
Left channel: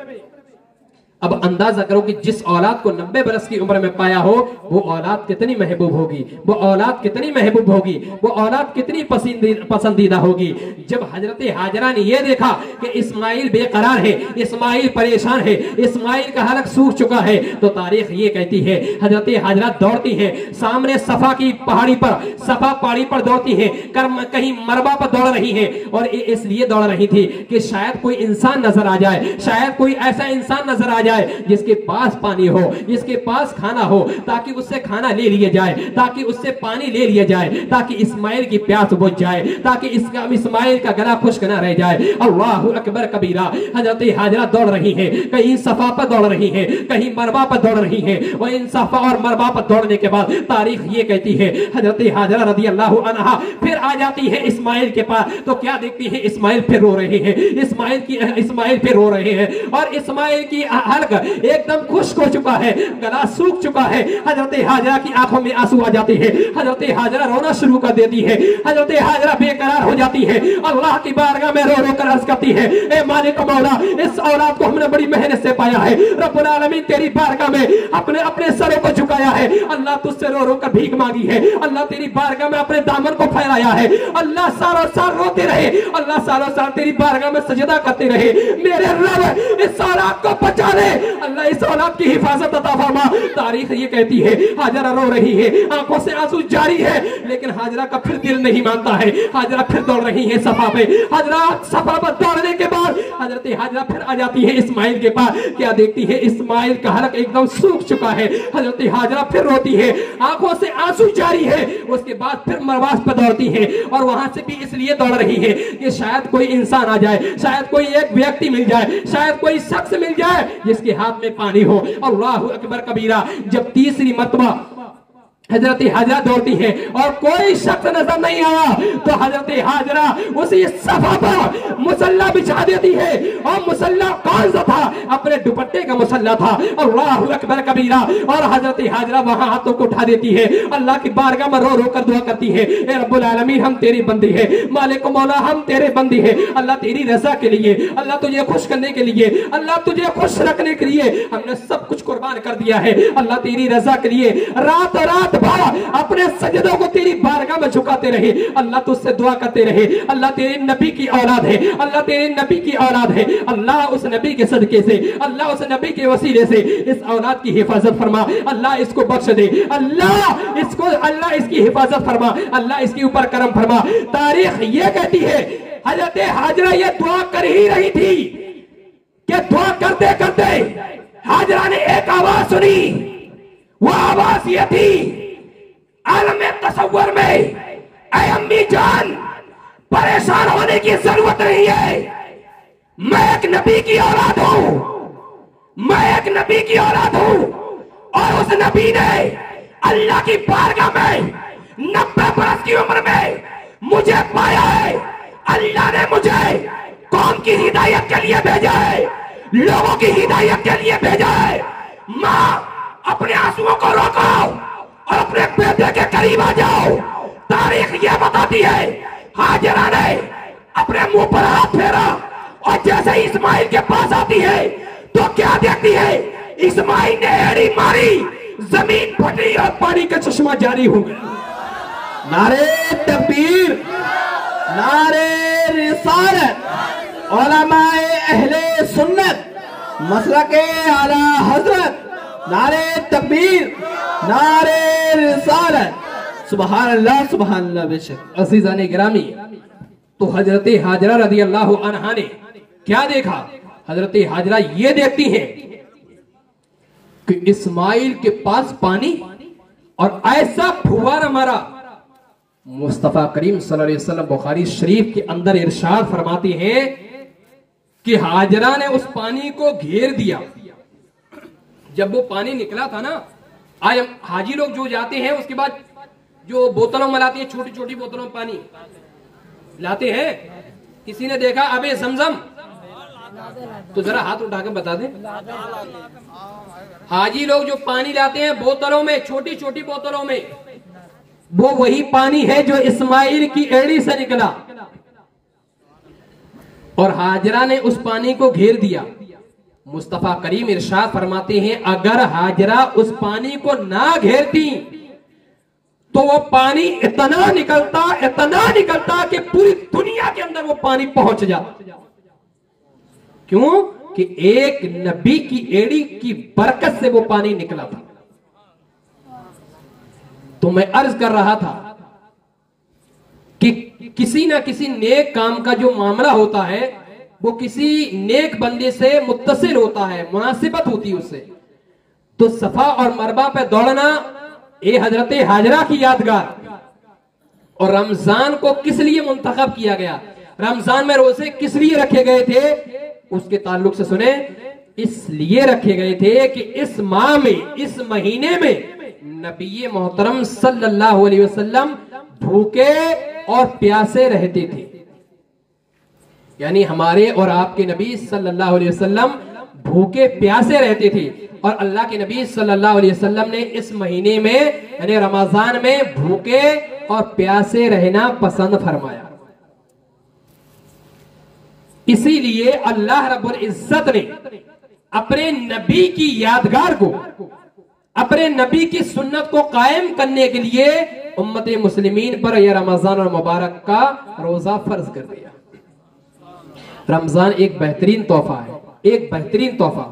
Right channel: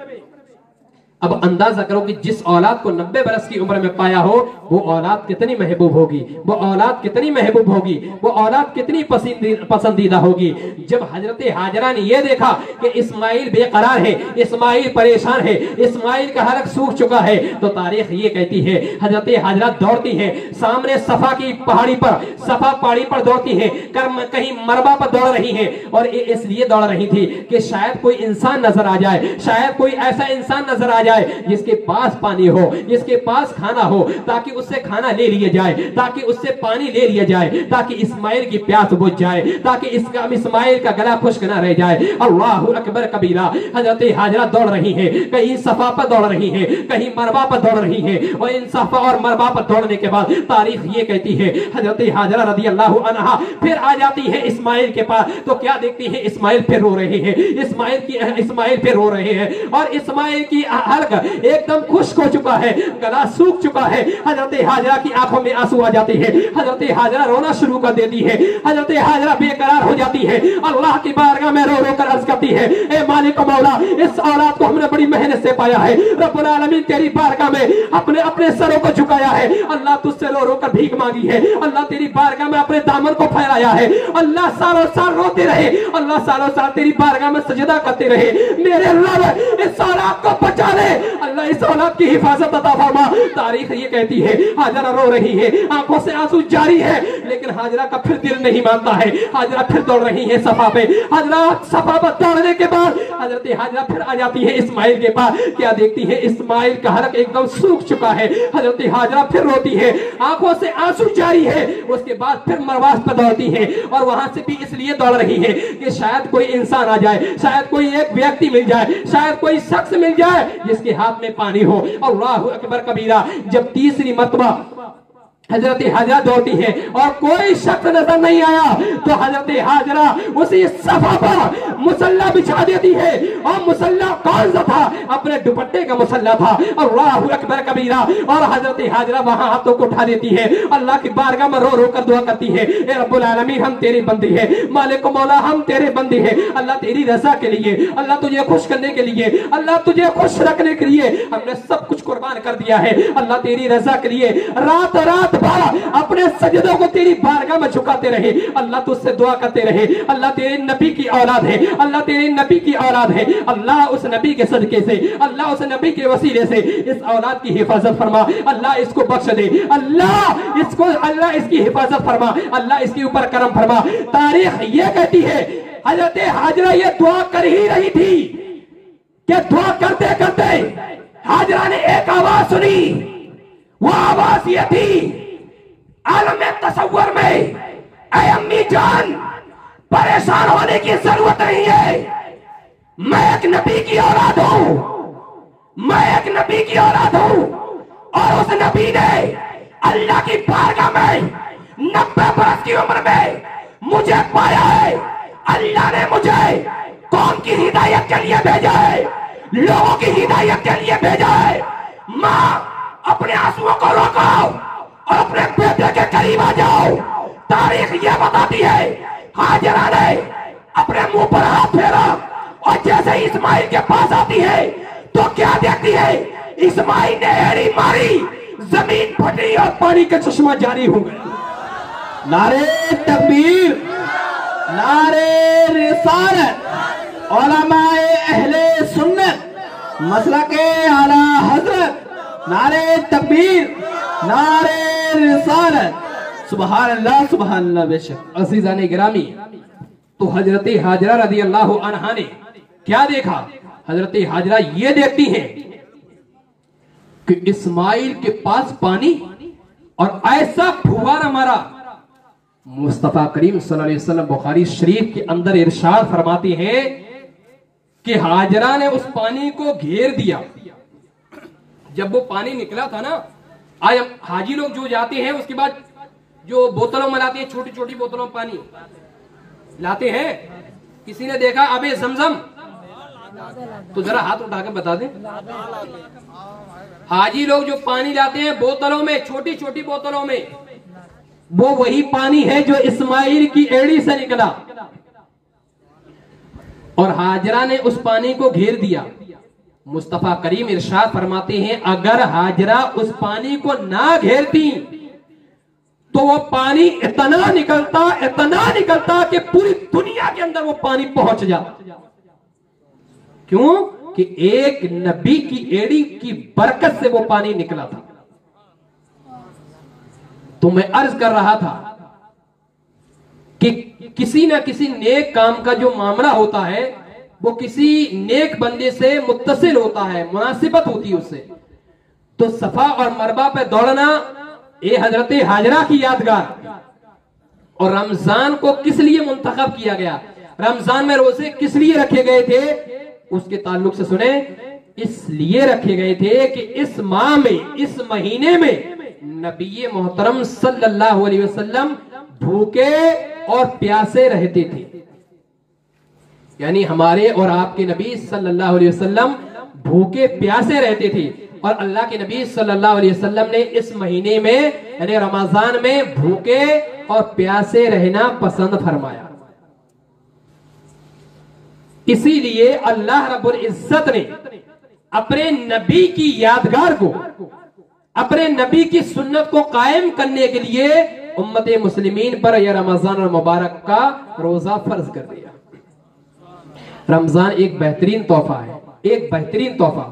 अब अंदाजा करो कि जिस औलाद को 90 बरस की उम्र में पाया हो, वो औलाद कितनी महबूब होगी, वो औलाद कितनी महबूब होगी, वो औलाद कितनी पसंदीदा होगी। जब हजरत हाजरा ने ये देखा कि इस्माइल बेकरार है, इस्माइल परेशान है, इस्माइल का हलक सूख चुका है, तो तारीख ये कहती है हजरत हाजरा दौड़ती है सामने सफा की पहाड़ी पर, सफा पहाड़ी पर दौड़ती है, कहीं मरबा पर दौड़ रही है, और इसलिए दौड़ रही थी कि शायद कोई इंसान नजर आ जाए, शायद कोई ऐसा इंसान नजर आ जाए जिसके पास पानी हो, जिसके पास खाना हो, ताकि उससे खाना ले लिया जाए, ताकि उससे पानी ले लिया जाए, ताकि इस्माइल की प्यास बुझ जाए, ताकि इस्माइल का गला खुश्क न रह जाए। अल्लाहु अकबर कबीरा। हजरत हाजरा दौड़ रही है, कहीं सफा पर दौड़ रही है, कहीं मरबा पर दौड़ रही है, और इन सफा और मरबा पर दौड़ने के बाद तारीख ये कहती है हजरत हाजरा रज़ी अल्लाहु अन्हा फिर आ जाती है इस्माइल के पास, तो क्या देखती है इस्माइल फिर रो रही है, इस्माइल फिर रो रहे हैं, और इस्माइल की एकदम खुश्क हो चुका है, गला सूख चुका है। हजरत हाजरा की आंखों में आंसू आ जाते हैं, हजरत हाजरा रोना शुरू कर देती है, हजरत हाजरा बेकरार हो जाती है, अल्लाह की बारगाह में रो रो कर अर्ज करती है, ए मालिक मौला, इस औलाद को हमने बड़ी मेहनत से पाया है, रब्बुल आलमीन तेरी बारगाह में अपने अपने सरों को झुकाया है, अल्लाह तुझसे रो रो कर भीख मांगी है, अल्लाह तेरी बारगाह में अपने दामन को फैलाया है, अल्लाह सालों साल रोते रहे, अल्लाह सालों साल तेरी बारगाह में सजदा करते रहे, मेरे रब इस औलाद को बचा ले, अल्लाह इस औलाद की हिफाजत अता फरमा। तारीख ये कहती है हाजरा रो रही है, आंखों से आंसू जारी है, लेकिन हाजरा का फिर दिल नहीं मानता है, हाजरा फिर दौड़ रही है सफा पे, हाजरा सफा पर दौड़ने के बाद हजरत हाजरा फिर आ जाती है इस्माइल के पास, क्या देखती है इस्माइल का हलक एकदम सूख चुका है, हजरत हाजरा फिर रोती है, आंखों से आंसू जारी है, उसके बाद फिर मरवास पर दौड़ती है, और वहां से भी इसलिए दौड़ रही है कि शायद कोई इंसान आ जाए, शायद कोई एक व्यक्ति मिल जाए, शायद कोई शख्स मिल जाए जिसके हाथ में पानी हो। अल्लाहु अकबर कबीरा। जब तीसरी मर्तबा हजरत हाजरा दौड़ती है और कोई शख्स नजर नहीं आया, तो हजरत हाजरा उसी सफा पर मुसल्ला बिछा देती है, और मुसल्ला कौन सा था? अपने दुपट्टे का मुसल्ला था। अल्लाहु अकबर कबीरा। और हजरत हाजरा वहां हाथों को उठा देती है, अल्लाह की बारगाह में रो रो कर दुआ करती है, ए रब्बुल आलमीन हम तेरी बंदी है, मालिक मौला हम तेरे बंदी है, अल्लाह तेरी रजा के लिए, अल्लाह तुझे खुश करने के लिए, अल्लाह तुझे खुश रखने के लिए हमने सब कुछ कुर्बान कर दिया है, अल्लाह तेरी रजा के लिए रात रात भर अपने सजदों को तेरी बारगाह में झुकाते रहे, अल्लाह तुझसे दुआ करते रहे, अल्लाह तेरे नबी की औलाद है, अल्लाह तेरे नबी की औलाद है, अल्लाह उस नबी के सदके से, अल्लाह उस नबी के वसीले से इस औलाद की हिफाजत फरमा, अल्लाह इसको बख्श दे, अल्लाह इसकी हिफाजत फरमा, अल्लाह इसके ऊपर करम फरमा। तारीख ये कहती है हजरत हाजरा ये दुआ कर ही रही थी कि दुआ करते करते हाजरा ने एक आवाज सुनी, वो आवाज ये थी, आलम तसव्वुर में, ऐ अम्मी जान परेशान होने की जरूरत नहीं है, मैं एक नबी की औलाद हूं, मैं एक नबी की औलाद हूं, और उस नबी ने अल्लाह की बारगाह में 90 बरस की उम्र में मुझे पाया है, अल्लाह ने मुझे कौम की हिदायत के लिए भेजा है, लोगों की हिदायत के लिए भेजा है। माँ अपने आंसुओं को रोको और अपने बेटे के करीब आ जाओ। तारीख ये बताती है हाजिरा ने अपने मुंह पर हाथ फेरा और जैसे इस्माइल के पास आती है तो क्या देखती है, इस्माइल ने एड़ी मारी, जमीन फटी और पानी का चश्मा जारी हो गया। नारे तकबीर, नारे रिसालत, उलमाए अहले सुन्नत, मसलके आला हजरत, नारे तकबीर, नारे रिसालत, सुभान अल्लाह सुभान अल्लाह। बेशक अज़ीज़ाने गिरामी, तो हजरत हाजरा रज़ी अल्लाह अन्हा ने क्या देखा? हजरत हाजरा ये देखती हैं कि इस्माइल के पास पानी और ऐसा फुवारा मारा। मुस्तफा करीम सल्लल्लाहु अलैहि वसल्लम बुखारी शरीफ के अंदर इरशाद फरमाती हैं कि हाजरा ने उस पानी को घेर दिया। जब वो पानी निकला था ना, आज हम हाजी लोग जो जाते हैं उसके बाद जो बोतलों में लाती है, छोटी छोटी बोतलों में पानी लाते हैं, किसी ने देखा अबे जमजम? तो जरा हाथ उठा के बता दे। हाजी लोग जो पानी लाते हैं बोतलों में, छोटी छोटी बोतलों में, वो वही पानी है जो इस्माइल की एड़ी से निकला। और हाजरा ने उस पानी को घेर दिया। मुस्तफा करीम इरशाद फरमाते हैं अगर हाजरा उस पानी को ना घेरती तो वो पानी इतना निकलता कि पूरी दुनिया के अंदर वो पानी पहुंच जाता। क्यों? कि एक नबी की एड़ी की बरकत से वो पानी निकला था। तो मैं अर्ज कर रहा था कि किसी ना किसी नेक काम का जो मामला होता है वो किसी नेक बंदे से मुत्तसिल होता है, मुनासिबत होती है उससे। तो सफा और मरबा पे दौड़ना ये हजरत हाजरा की यादगार। और रमजान को किस लिए मुंतखब किया गया, रमजान में रोजे किस लिए रखे गए थे, उसके ताल्लुक से सुने। इसलिए रखे गए थे कि इस माह में, इस महीने में नबी मोहतरम सल्लल्लाहु अलैहि वसल्लम भूखे और प्यासे रहते थे। यानी हमारे और आपके नबी सल्लल्लाहु अलैहि वसल्लम भूखे प्यासे रहते थे। और अल्लाह के नबी सल्लल्लाहु अलैहि वसल्लम ने इस महीने में यानी रमजान में भूखे और प्यासे रहना पसंद फरमाया। इसीलिए अल्लाह रब्बुल इज्जत ने अपने नबी की यादगार को, अपने नबी की सुन्नत को कायम करने के लिए उम्मत मुस्लिमीन पर यह रमजान और मुबारक का रोजा फर्ज कर दिया। रमजान एक बेहतरीन तोहफा है, एक बेहतरीन तोहफा।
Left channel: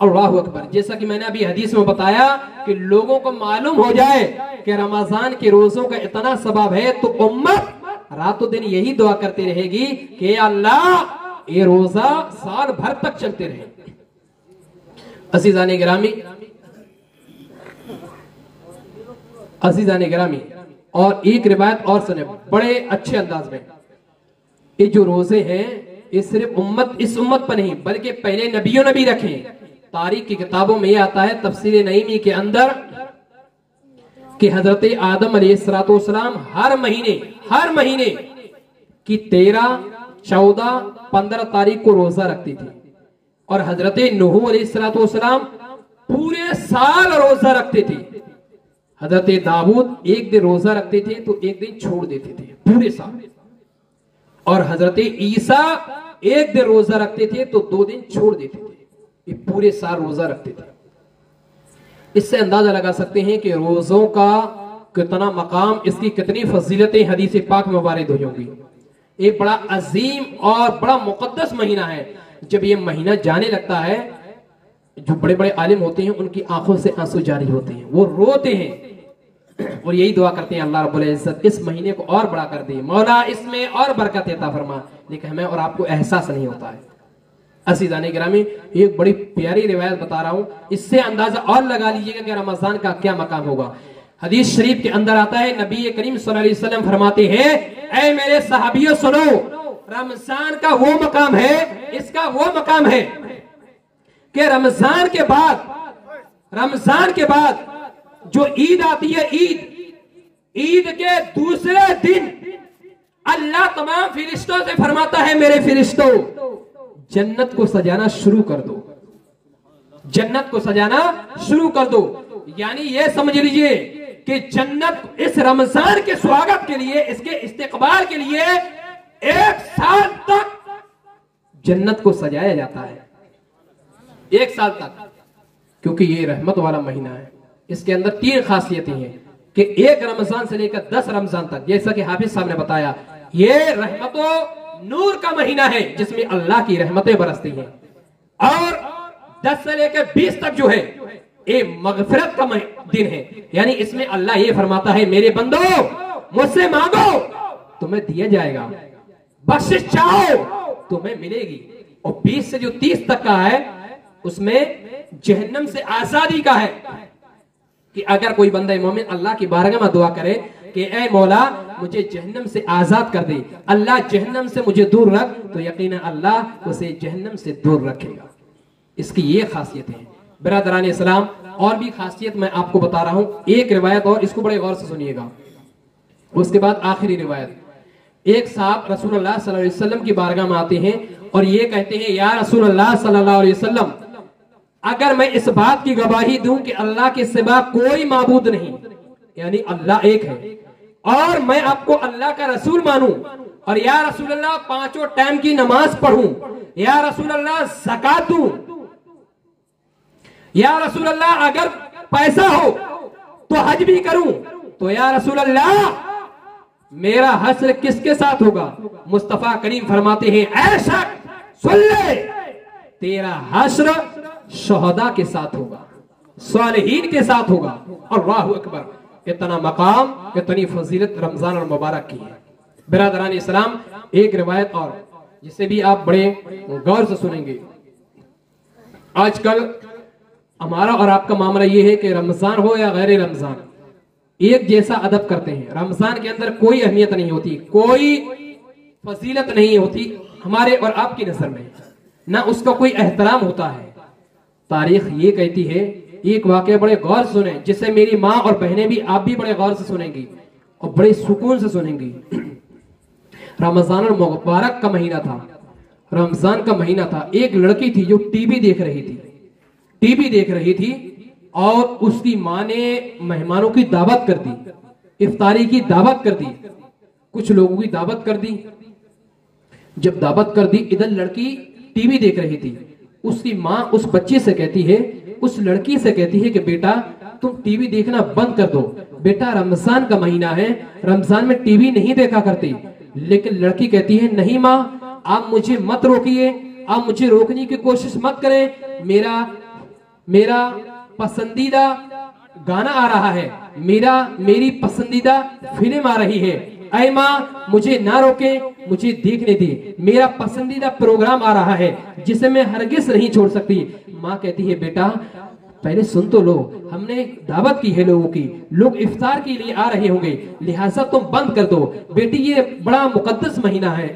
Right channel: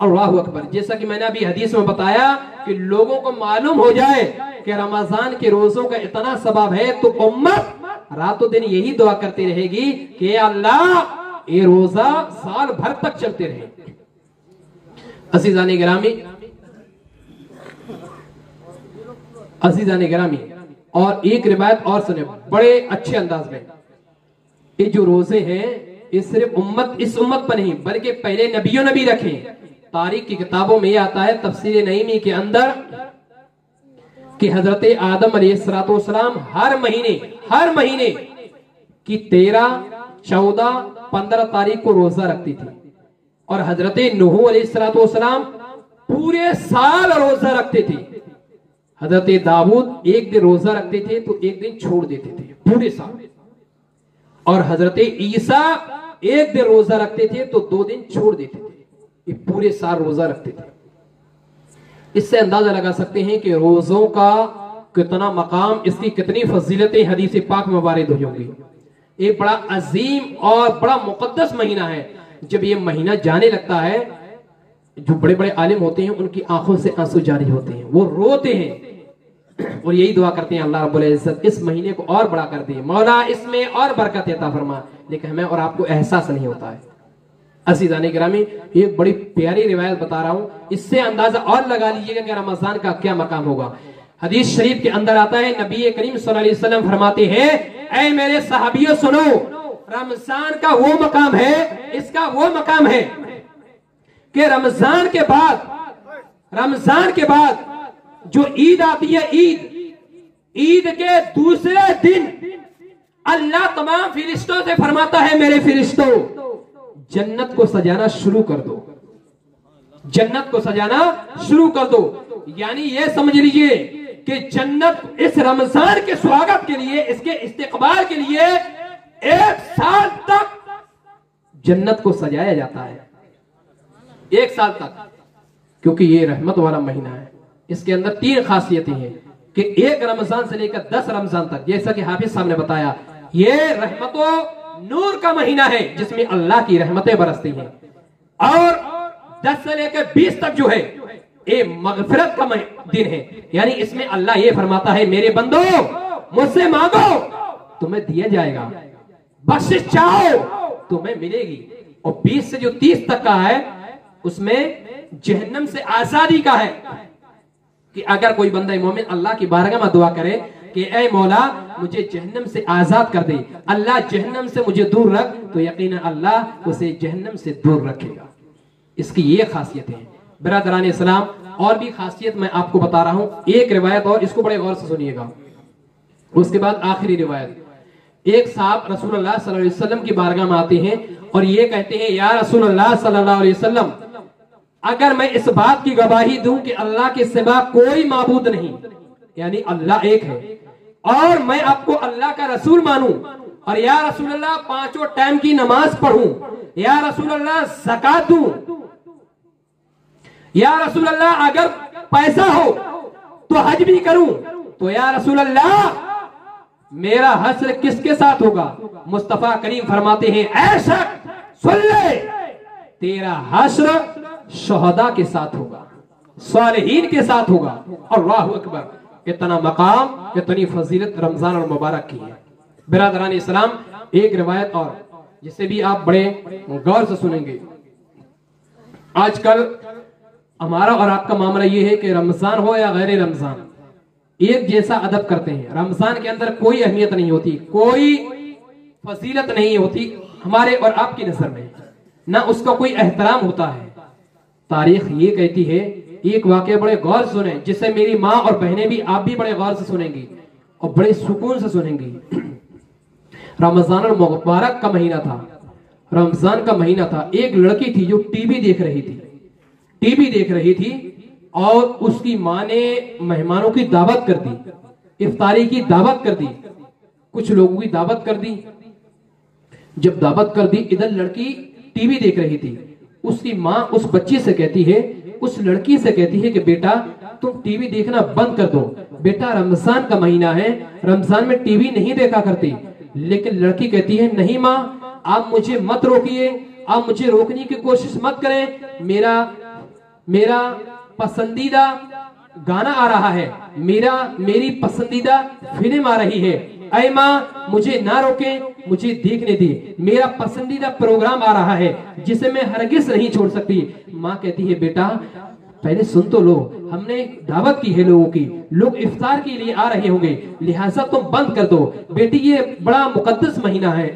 अल्लाहु अकबर। जैसा कि मैंने अभी हदीस में बताया कि लोगों को मालूम हो जाए कि रमजान के रोजों का इतना सवाब है तो उम्मत रातों दिन यही दुआ करती रहेगी कि अल्लाह ये रोजा साल भर तक चलते रहे। अज़ीज़ाने गिरामी, अज़ीज़ाने गिरामी, और एक रिवायत और सुने बड़े अच्छे अंदाज में। ये जो रोजे हैं ये सिर्फ इस उम्मत पर नहीं बल्कि पहले नबियों ने भी रखे। तारीख की किताबों में ये आता है तफसीर नईमी के अंदर कि हजरत आदम अलैहिस्सलाम हर महीने की 13, 14, 15 तारीख को रोजा रखती थी। और हजरत नूह अलैहिस्सलाम पूरे साल रोजा रखते थे। हजरत दाऊद एक दिन रोजा रखते थे तो एक दिन छोड़ देते थे पूरे साल। और हजरत ईसा एक दिन रोजा रखते थे तो 2 दिन छोड़ देते थे। ये पूरे साल रोजा रखते थे। इससे अंदाजा लगा सकते हैं कि रोजों का कितना मकाम, इसकी कितनी फजीलतें हदीस पाक में वारिद हुई होंगी। ये बड़ा अजीम और बड़ा मुकद्दस महीना है। जब ये महीना जाने लगता है, जो बड़े बड़े आलिम होते हैं उनकी आंखों से आंसू जारी होते हैं, वो रोते हैं और यही दुआ करते हैं अल्लाह रब्बुल इज्जत इस महीने को और बड़ा कर दे, मौला इसमें और बरकत अता फरमा। लेकिन हमें और आपको एहसास नहीं होता है। अज़ीज़ाने गिरामी, एक बड़ी प्यारी रिवायत बता रहा हूं, इससे अंदाजा और लगा लीजिएगा कि रमजान का क्या मकाम होगा। हदीस शरीफ के अंदर आता है, नबी करीम सल्लल्लाहु अलैहि वसल्लम फरमाते हैं, ऐ मेरे सहाबियों सुनो, रमजान का वो मकाम है, इसका वो मकाम है कि रमजान के बाद जो ईद आती है, ईद के दूसरे दिन अल्लाह तमाम फरिश्तों से फरमाता है, मेरे फरिश्तों जन्नत को सजाना शुरू कर दो, जन्नत को सजाना शुरू कर दो। यानी ये समझ लीजिए कि जन्नत इस रमजान के स्वागत के लिए, इसके इस्तेकबाल के लिए 1 साल तक जन्नत को सजाया जाता है, 1 साल तक, क्योंकि ये रहमत वाला महीना है। इसके अंदर 3 खासियतें हैं कि 1 रमजान से लेकर 10 रमजान तक, जैसा कि हाफिज साहब ने बताया, ये रहमतों नूर का महीना है जिसमें अल्लाह की रहमतें बरसती हैं। और 10 से लेकर 20 तक जो है ये मगफिरत का दिन है, यानी इसमें अल्लाह ये फरमाता है, मेरे बंदो मुझसे मांगो तुम्हें दिया जाएगा, बख्शिश चाहो तुम्हें मिलेगी। और 20 से जो 30 तक का है उसमें जहन्नम से आजादी का है कि अगर कोई बंदा मोमिन अल्लाह की बारगाह में दुआ करे कि ऐ मौला मुझे जहन्नम से आजाद कर दे, अल्लाह जहन्नम से मुझे दूर रख, तो यकीनन अल्लाह उसे जहन्नम से दूर रखेगा। इसकी ये खासियत है बिरादरान इस्लाम। और भी खासियत मैं आपको बता रहा हूं, एक रिवायत और, इसको बड़े गौर से सुनिएगा। उसके बाद आखिरी रिवायत। एक साहब रसूलुल्लाह सल्लल्लाहु अलैहि वसल्लम की बारगाह में आते हैं और ये कहते हैं, या रसूलुल्लाह सल्लल्लाहु अलैहि वसल्लम, अगर मैं इस बात की गवाही दूं कि अल्लाह के सिवा कोई माबूद नहीं, यानी अल्लाह एक है, और मैं आपको अल्लाह का रसूल मानूं, और या रसूलुल्लाह 5 टाइम की नमाज पढ़ूं, या रसूलुल्लाह ज़कात दूं, या रसूलुल्लाह अगर पैसा हो तो हज भी करूं, तो या रसूलुल्लाह मेरा हश्र किसके साथ होगा? मुस्तफा करीम फरमाते हैं, ऐ शख्स सुन ले, तेरा हश्र शहदा के साथ होगा, सालिहीन के साथ होगा। अल्लाहु अकबर। कितना मकाम, कितनी फजीलत रमजान और मुबारक की है बिरादरान इस्लाम। एक रिवायत और जिसे भी आप बड़े गौर से सुनेंगे। आजकल हमारा और आपका मामला यह है कि रमजान हो या गैर रमजान एक जैसा अदब करते हैं। रमजान के अंदर कोई अहमियत नहीं होती, कोई फजीलत नहीं होती हमारे और आपकी नजर में, ना उसका कोई एहतराम होता है। तारीख ये कहती है, एक वाकया बड़े गौर से सुने, जिससे मेरी माँ और बहनें भी, आप भी बड़े गौर से सुनेंगी और बड़े सुकून से सुनेंगी। रमजान और मुबारक का महीना था, रमजान का महीना था। एक लड़की थी जो टीवी देख रही थी, टीवी देख रही थी और उसकी माँ ने मेहमानों की दावत कर दी, इफ्तारी की दावत कर दी, कुछ लोगों की दावत कर दी। जब दावत कर दी, इधर लड़की टीवी देख रही थी। उसकी माँ उस बच्चे से कहती है, उस लड़की से कहती है कि बेटा तुम टीवी देखना बंद कर दो, बेटा रमजान का महीना है, रमजान में टीवी नहीं देखा करती। लेकिन लड़की कहती है, नहीं माँ, आप मुझे मत रोकिए, आप मुझे रोकने की कोशिश मत करें, मेरा पसंदीदा गाना आ रहा है, मेरी पसंदीदा फिल्म आ रही है, ऐ माँ मुझे ना रोके, मुझे देखने दे, मेरा पसंदीदा प्रोग्राम आ रहा है जिसे मैं हरगिज नहीं छोड़ सकती। माँ कहती है, बेटा पहले सुन तो लो, हमने दावत की है लोगों की, लोग इफ्तार के लिए आ रहे होंगे, लिहाजा तुम बंद कर दो। बेटी ये बड़ा मुकद्दस महीना है,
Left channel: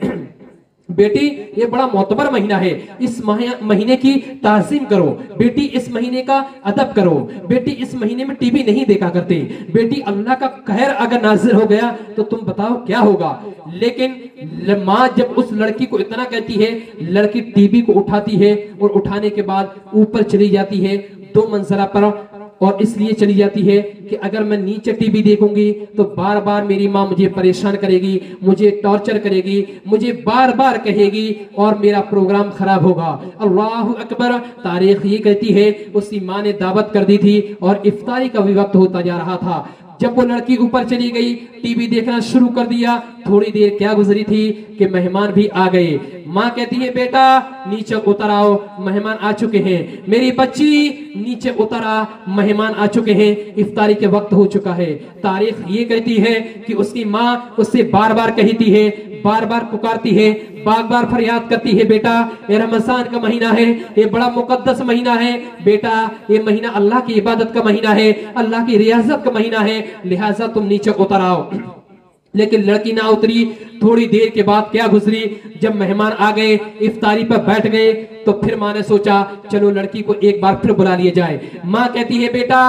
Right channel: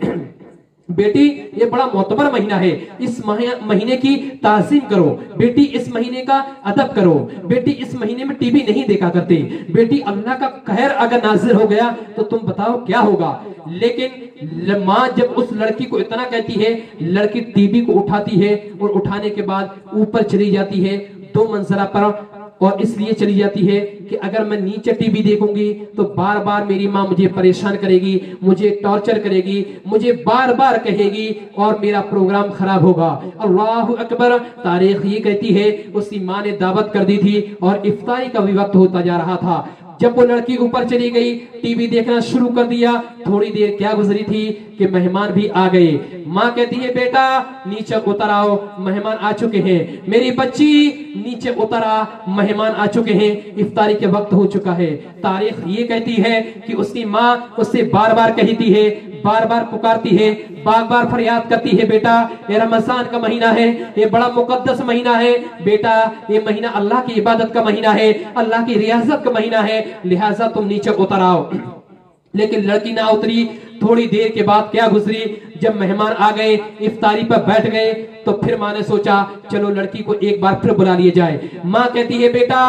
बेटी ये बड़ा मोतबर महीना है, इस महीने की ताज़ीम करो, बेटी इस महीने का अदब करो, बेटी इस महीने में टीवी नहीं देखा करते, बेटी अल्लाह का कहर अगर नाजिल हो गया तो तुम बताओ क्या होगा। लेकिन माँ जब उस लड़की को इतना कहती है, लड़की टीवी को उठाती है और उठाने के बाद ऊपर चली जाती है 2 मंजिला पर, और इसलिए चली जाती है कि अगर मैं नीचे टीवी देखूंगी तो बार बार मेरी माँ मुझे परेशान करेगी, मुझे टॉर्चर करेगी, मुझे बार बार कहेगी और मेरा प्रोग्राम खराब होगा। अल्लाहु अकबर। तारीख ये कहती है, उसकी माँ ने दावत कर दी थी और इफ्तारी का भी वक्त होता जा रहा था। जब वो लड़की ऊपर चली गई, टीवी देखना शुरू कर दिया, थोड़ी देर क्या गुजरी थी कि मेहमान भी आ गए। माँ कहती है, बेटा नीचे उतर आओ, मेहमान आ चुके हैं, मेरी बच्ची नीचे उतर आ, मेहमान आ चुके हैं, इफ्तारी के वक्त हो चुका है। तारीख ये कहती है कि उसकी माँ उससे बार बार कहती है, बार बार पुकारती है, बार बार फरियाद करती है, बेटा ये रमजान का महीना है, ये बड़ा मुकद्दस महीना है, बेटा ये महीना अल्लाह की इबादत का महीना है, अल्लाह की रियाजत का महीना है, लिहाजा तुम नीचे उतर आओ। लेकिन लड़की ना उतरी। थोड़ी देर के बाद क्या गुजरी, जब मेहमान आ गए, इफ्तारी पर बैठ गए, तो फिर माँ ने सोचा चलो लड़की को एक बार फिर बुला लिया जाए। माँ कहती है बेटा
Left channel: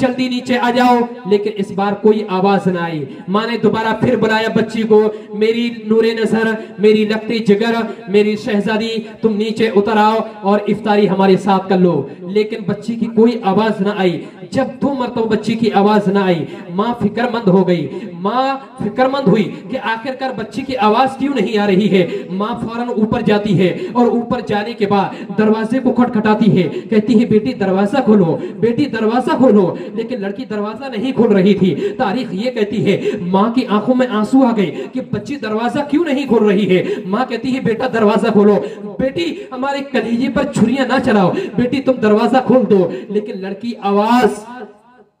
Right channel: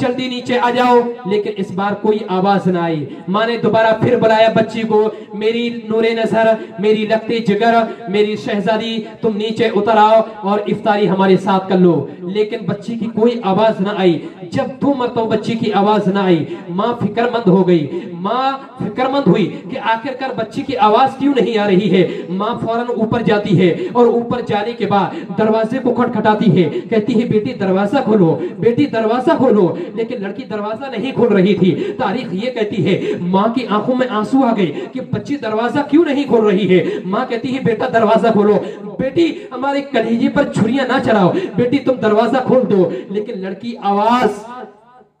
जल्दी नीचे आ जाओ, लेकिन इस बार कोई आवाज न आई। माँ ने दोबारा फिर बुलाया बच्ची को, मेरी नूरे नजर, मेरी लगती जिगर, मेरी शहजादी, तुम नीचे उतर आओ और इफ्तारी हमारे साथ कर लो। लेकिन बच्ची की कोई आवाज न आई। जब 2 मरतबा बच्ची की आवाज न आई, माँ फिक्रमंद हो गई। माँ फिक्रमंद हुई कि आखिरकार बच्ची की आवाज क्यों नहीं आ रही है। माँ फौरन ऊपर जाती है और ऊपर जाने के बाद दरवाजे को खटखटाती है, कहती है बेटी दरवाजा खोलो, बेटी दरवाजा खोलो। लेकिन लड़की दरवाजा नहीं खोल रही थी। तारीख ये कहती है माँ की आंखों में आंसू आ गए कि बच्ची दरवाजा क्यों नहीं खोल रही है। माँ कहती है बेटा दरवाजा खोलो, बेटी हमारे कलेजे पर छुरियां ना चलाओ, बेटी तुम दरवाजा खोल दो। लेकिन लड़की आवाज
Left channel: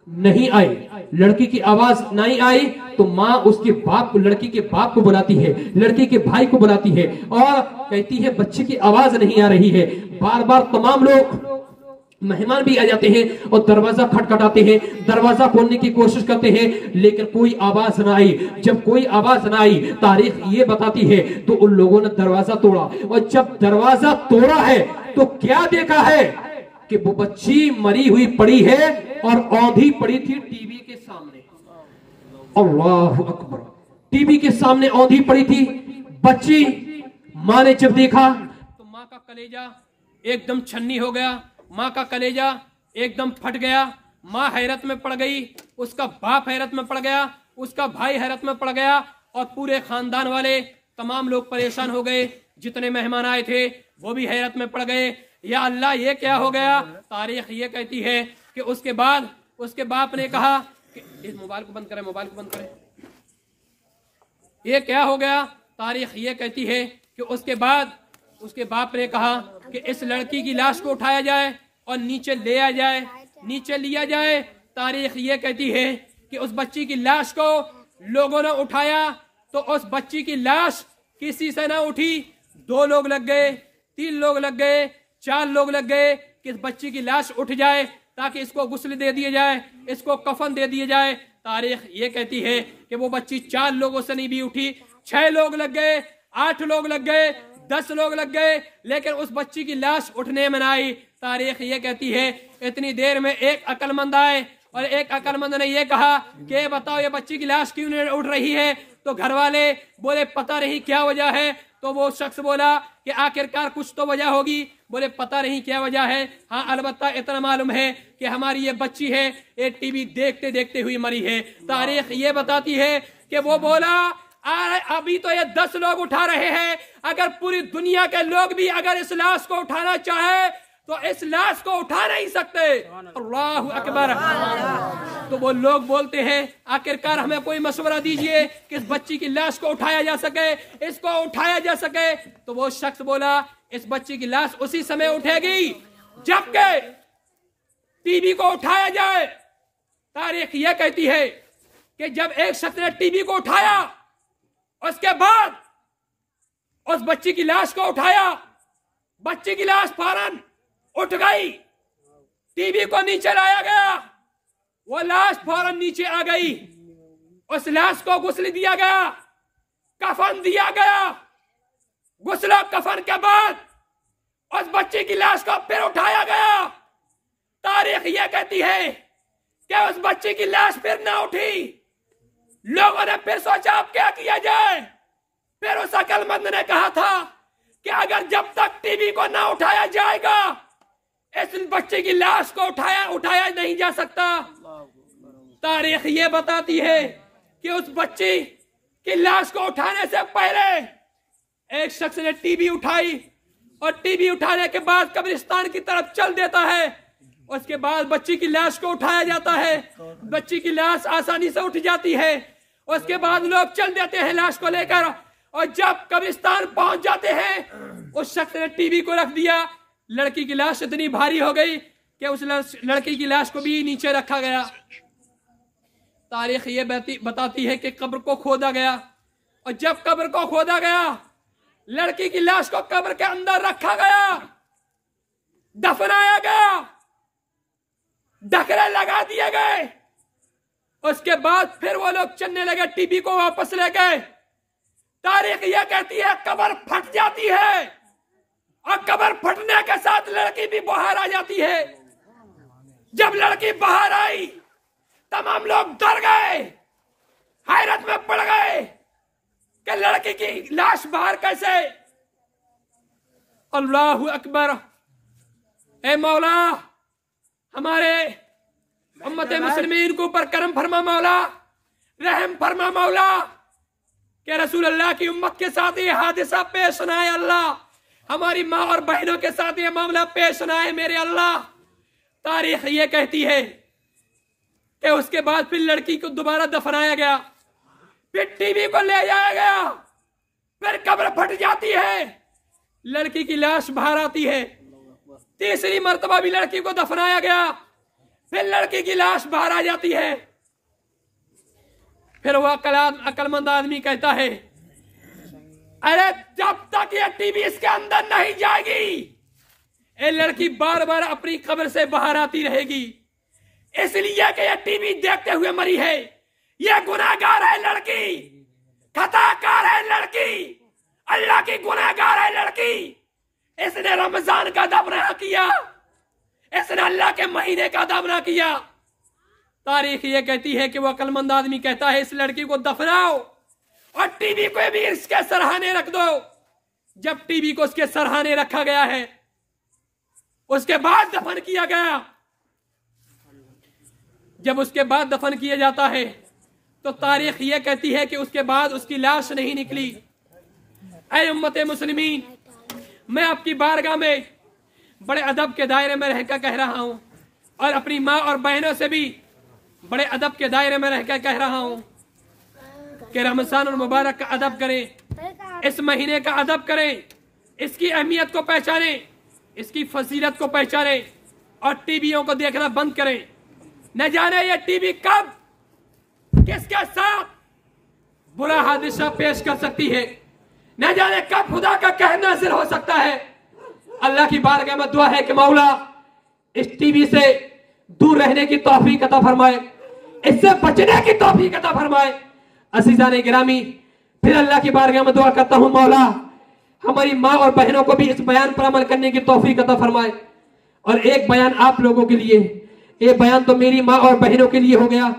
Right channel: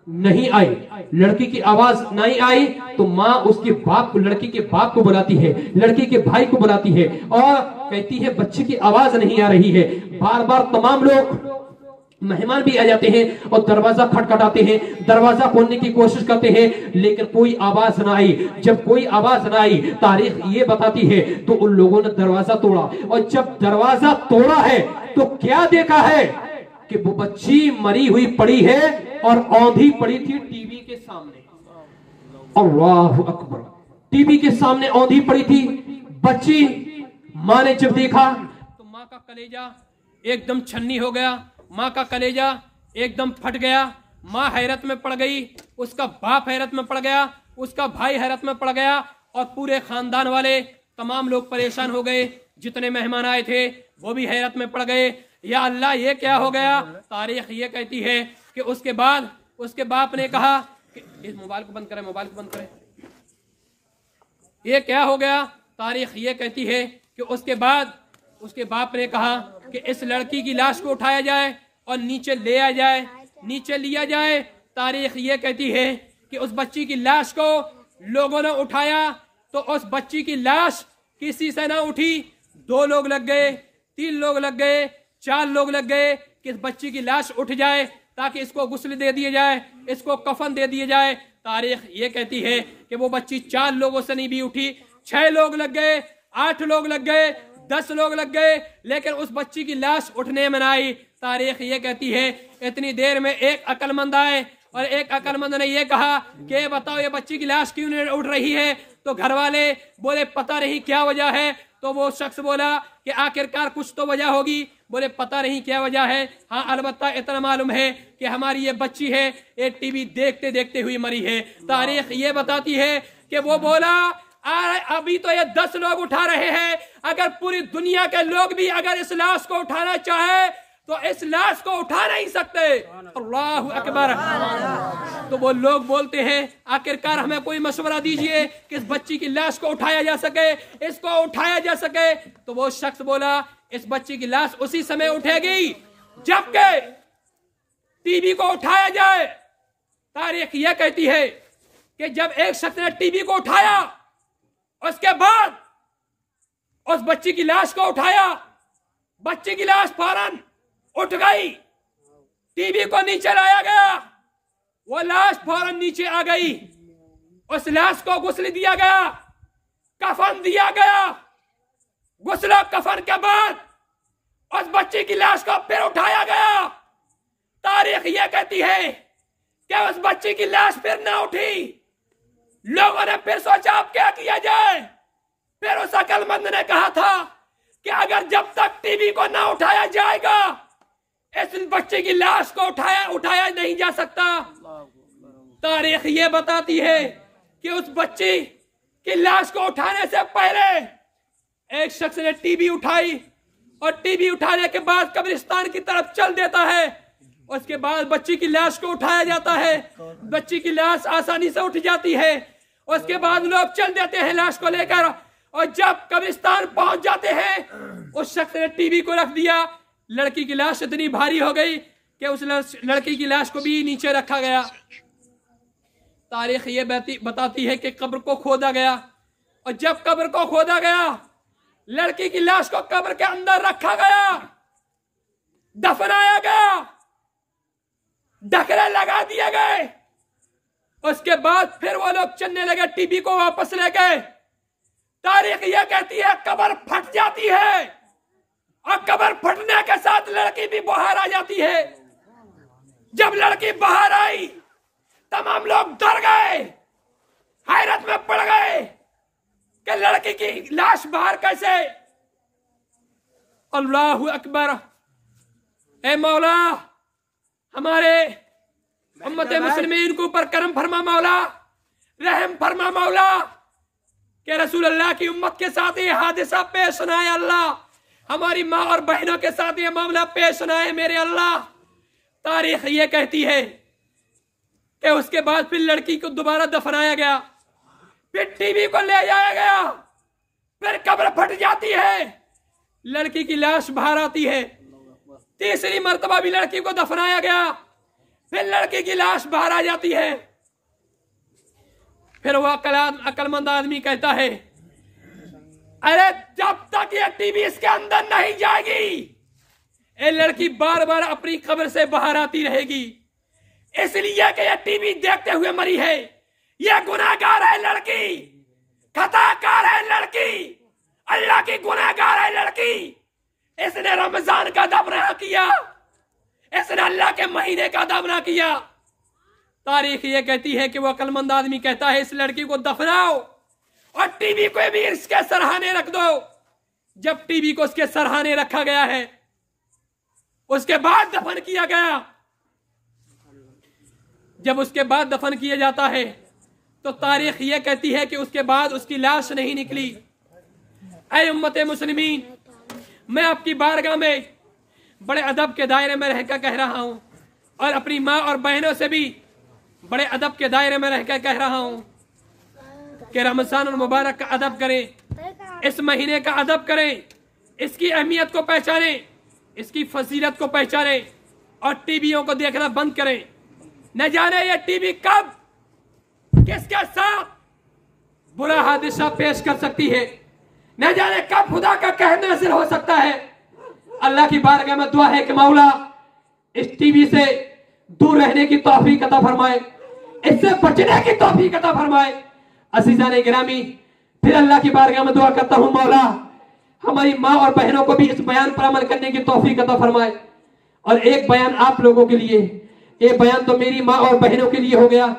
नहीं आई। लड़की की आवाज नहीं आई तो माँ उसके बाप को, लड़की के बाप को बुलाती है, लड़की के भाई को बुलाती है और कहती है बच्ची की आवाज नहीं आ रही है। बार बार तमाम लोग मेहमान भी आ जाते हैं और दरवाजा खटखटाते हैं, दरवाजा खोलने की कोशिश करते हैं, लेकिन कोई आवाज ना आई। जब कोई आवाज ना आई, तारीख ये बताती है तो उन लोगों ने दरवाजा तोड़ा, और जब दरवाजा तोड़ा है तो क्या देखा है कि वो बच्ची मरी हुई पड़ी है और औंधी पड़ी थी टीवी के सामने। अल्लाहु अकबर, टीवी के सामने औंधी पड़ी थी बच्ची। माँ ने जब देखा तो माँ का कलेजा एकदम छन्नी हो गया, माँ का कलेजा एकदम फट गया। माँ हैरत में पड़ गई, उसका बाप हैरत में पड़ गया, उसका भाई हैरत में पड़ गया और पूरे खानदान वाले तमाम लोग परेशान हो गए। जितने मेहमान आए थे वो भी हैरत में पड़ गए, या अल्लाह ये क्या हो गया। तारीख ये कहती है कि उसके बाद उसके बाप ने कहा कि इस मोबाइल को बंद करें, मोबाइल को बंद करें, ये क्या हो गया। तारीख ये कहती है कि उसके बाद उसके बाप ने कहा कि इस लड़की की लाश को उठाया जाए और नीचे ले आ जाए, नीचे लिया जाए। तारीख ये कहती है कि उस बच्ची की लाश को लोगों ने उठाया तो उस बच्ची की लाश किसी से ना उठी। 2 लोग लग गए, 3 लोग लग गए, 4 लोग लग गए कि इस बच्ची की लाश उठ जाए ताकि इसको गुस्ल दे दिए जाए, इसको कफन दे दिए जाए। तारीख ये कहती है कि वो बच्ची 4 लोगों से नहीं भी उठी, 6 लोग लग गए, 8 लोग लग गए, 10 लोग लग गए, लेकिन उस बच्ची की लाश उठने में ना आई। तारीख ये कहती है इतनी देर में एक अक्लमंद आए और एक अक्लमंद ने ये कहा कि बताओ ये बच्ची की लाश क्यों नहीं उठ रही है। तो घर वाले बोले पता नहीं क्या वजह है। तो वो शख्स बोला कि आखिरकार कुछ तो वजह होगी। बोले पता नहीं क्या वजह है, हाँ अलबत्ता इतना मालूम है कि हमारी ये बच्ची है ये टीवी देखते देखते हुई मरी है। तारीख ये बताती है कि वो बोला अभी तो ये 10 लोग उठा रहे हैं, अगर पूरी दुनिया के लोग भी अगर इस लाश को उठाना चाहे तो इस लाश को उठा नहीं सकते। अल्लाहु अकबर। तो वो लोग बोलते हैं आखिरकार हमें कोई मशवरा दीजिए कि इस बच्ची की लाश को उठाया जा सके, इसको उठाया जा सके। तो वो शख्स बोला इस बच्ची की लाश उसी समय उठेगी जबकि टीवी को उठाया जाए। तारीख यह कहती है कि जब एक शख्स ने टीवी को उठाया उसके बाद उस बच्ची की लाश को उठाया, बच्ची की लाश फौरन उठ गई, टीवी को नीचे लाया गया, वो लाश फौरन नीचे आ गई, उस लाश को गुस्ल दिया गया, कफन दिया गया। गुस्ल कफन के बाद उस बच्ची की लाश को फिर उठाया गया। तारीख यह कहती है कि उस बच्ची की लाश फिर ना उठी। लोगों ने फिर सोचा अब क्या किया जाए। फिर उस अक्लमंद ने कहा था कि अगर जब तक टीवी को ना उठाया जाएगा इस बच्चे की लाश को उठाया नहीं जा सकता। तारीख ये बताती है कि उस बच्ची की लाश को उठाने से पहले एक शख्स ने टीवी उठाई और टीवी उठाने के बाद कब्रिस्तान की तरफ चल देता है। उसके बाद बच्ची की लाश को उठाया जाता है, बच्ची की लाश आसानी से उठ जाती है। उसके बाद लोग चल देते हैं लाश को लेकर, और जब कब्रिस्तान पहुंच जाते हैं उस शख्स ने टीवी को रख दिया। लड़की की लाश इतनी भारी हो गई कि उस लड़की की लाश को भी नीचे रखा गया। तारीख ये बताती है कि कब्र को खोदा गया, और जब कब्र को खोदा गया लड़की की लाश को कब्र के अंदर रखा गया, दफनाया गया, ढकने लगा दिए गए। उसके बाद फिर वो लोग चलने लगे, टीवी को वापस ले गए। तारीख यह कहती है कब्र फट जाती है और कब्र फटने के साथ लड़की भी बाहर आ जाती है। जब लड़की बाहर आई तमाम लोग डर गए, हैरत में पड़ गए कि लड़की की लाश बाहर कैसे। अल्लाहु अकबर। ए मौला, हमारे उम्मत मुस्लिमीन के ऊपर करम फरमा मौला, रहम फरमा मौला, कि रसूल अल्लाह की उम्मत के साथ ये हादसा पेश न आए अल्लाह, हमारी माँ और बहनों के साथ ये मामला पेश न आए मेरे अल्लाह। तारीख ये कहती है कि उसके बाद फिर लड़की को दोबारा दफनाया गया, फिर टीवी को ले जाया गया, फिर कब्र फट जाती है, लड़की की लाश बाहर आती है। तीसरी मर्तबा भी लड़की को दफनाया गया, फिर लड़की की लाश बाहर आ जाती है। फिर वो अकलमंद आदमी कहता है, अरे जब तक ये टीवी इसके अंदर नहीं जाएगी ये लड़की बार बार अपनी कब्र से बाहर आती रहेगी, इसलिए कि ये टीवी देखते हुए मरी है। ये गुनाहगार है लड़की, खताकार है लड़की, अल्लाह की गुनाहगार है लड़की। इसने रमजान का अदब ना किया, इसने अल्लाह के महीने का अदब ना किया। तारीख ये कहती है कि वो अकलमंद आदमी कहता है इस लड़की को दफनाओ और टीवी को भी इसके सरहाने रख दो। जब टीवी को उसके सरहाने रखा गया है, उसके बाद दफन किया गया। जब उसके बाद दफन किया जाता है तो तारीख ये कहती है कि उसके बाद उसकी लाश नहीं निकली। ऐ उम्मत मुस्लिमीन, मैं आपकी बारगाह में बड़े अदब के दायरे में रहकर कह रहा हूं और अपनी माँ और बहनों से भी बड़े अदब के दायरे में रहकर कह रहा हूं कि रमजान और मुबारक का अदब करें, इस महीने का अदब करें, इसकी अहमियत को पहचानें, इसकी फजीलत को पहचानें और टीवियों को देखना बंद करें। न जाने ये टीवी कब किसके साथ बुरा हादसा पेश कर सकती है, न जाने कब खुदा का कहर नाज़िल हो सकता है। अल्लाह की बारगाह में दुआ है कि मौला इस टीवी से दूर रहने की तौफीक अता फरमाए, इससे बचने की तौफीक अता फरमाए। अज़ीज़ान गिरामी, फिर अल्लाह की बारगाह में दुआ करता हूं मौला हमारी माँ और बहनों को भी इस बयान पर अमल करने की तौफीक अता फरमाए। और एक बयान आप लोगों के लिए, एक बयान तो मेरी माँ और बहनों के लिए हो गया,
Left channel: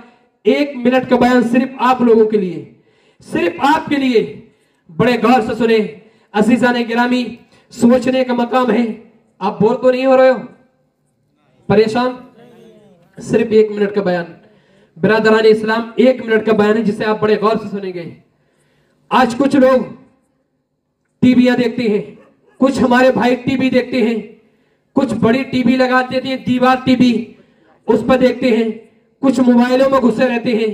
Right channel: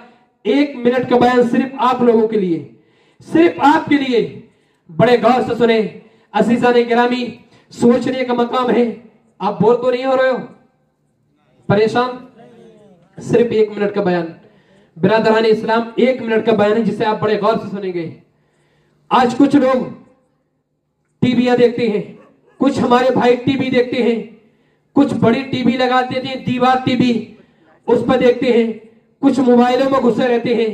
1 मिनट का बयान सिर्फ आप लोगों के लिए, सिर्फ आपके लिए। बड़े गौर से सुने अज़ीज़ान गिरामी, सोचने का मकाम है। आप बोर तो नहीं हो रहे हो, परेशान? सिर्फ 1 मिनट का बयान, बिरादरान इस्लाम, 1 मिनट का बयान है जिसे आप बड़े गौर से सुनेंगे। आज कुछ लोग टीवियां देखते हैं, कुछ हमारे भाई टीवी देखते हैं, कुछ बड़ी टीवी लगा देते हैं, दीवार टीवी, उस पर देखते हैं, कुछ मोबाइलों में घुसे रहते हैं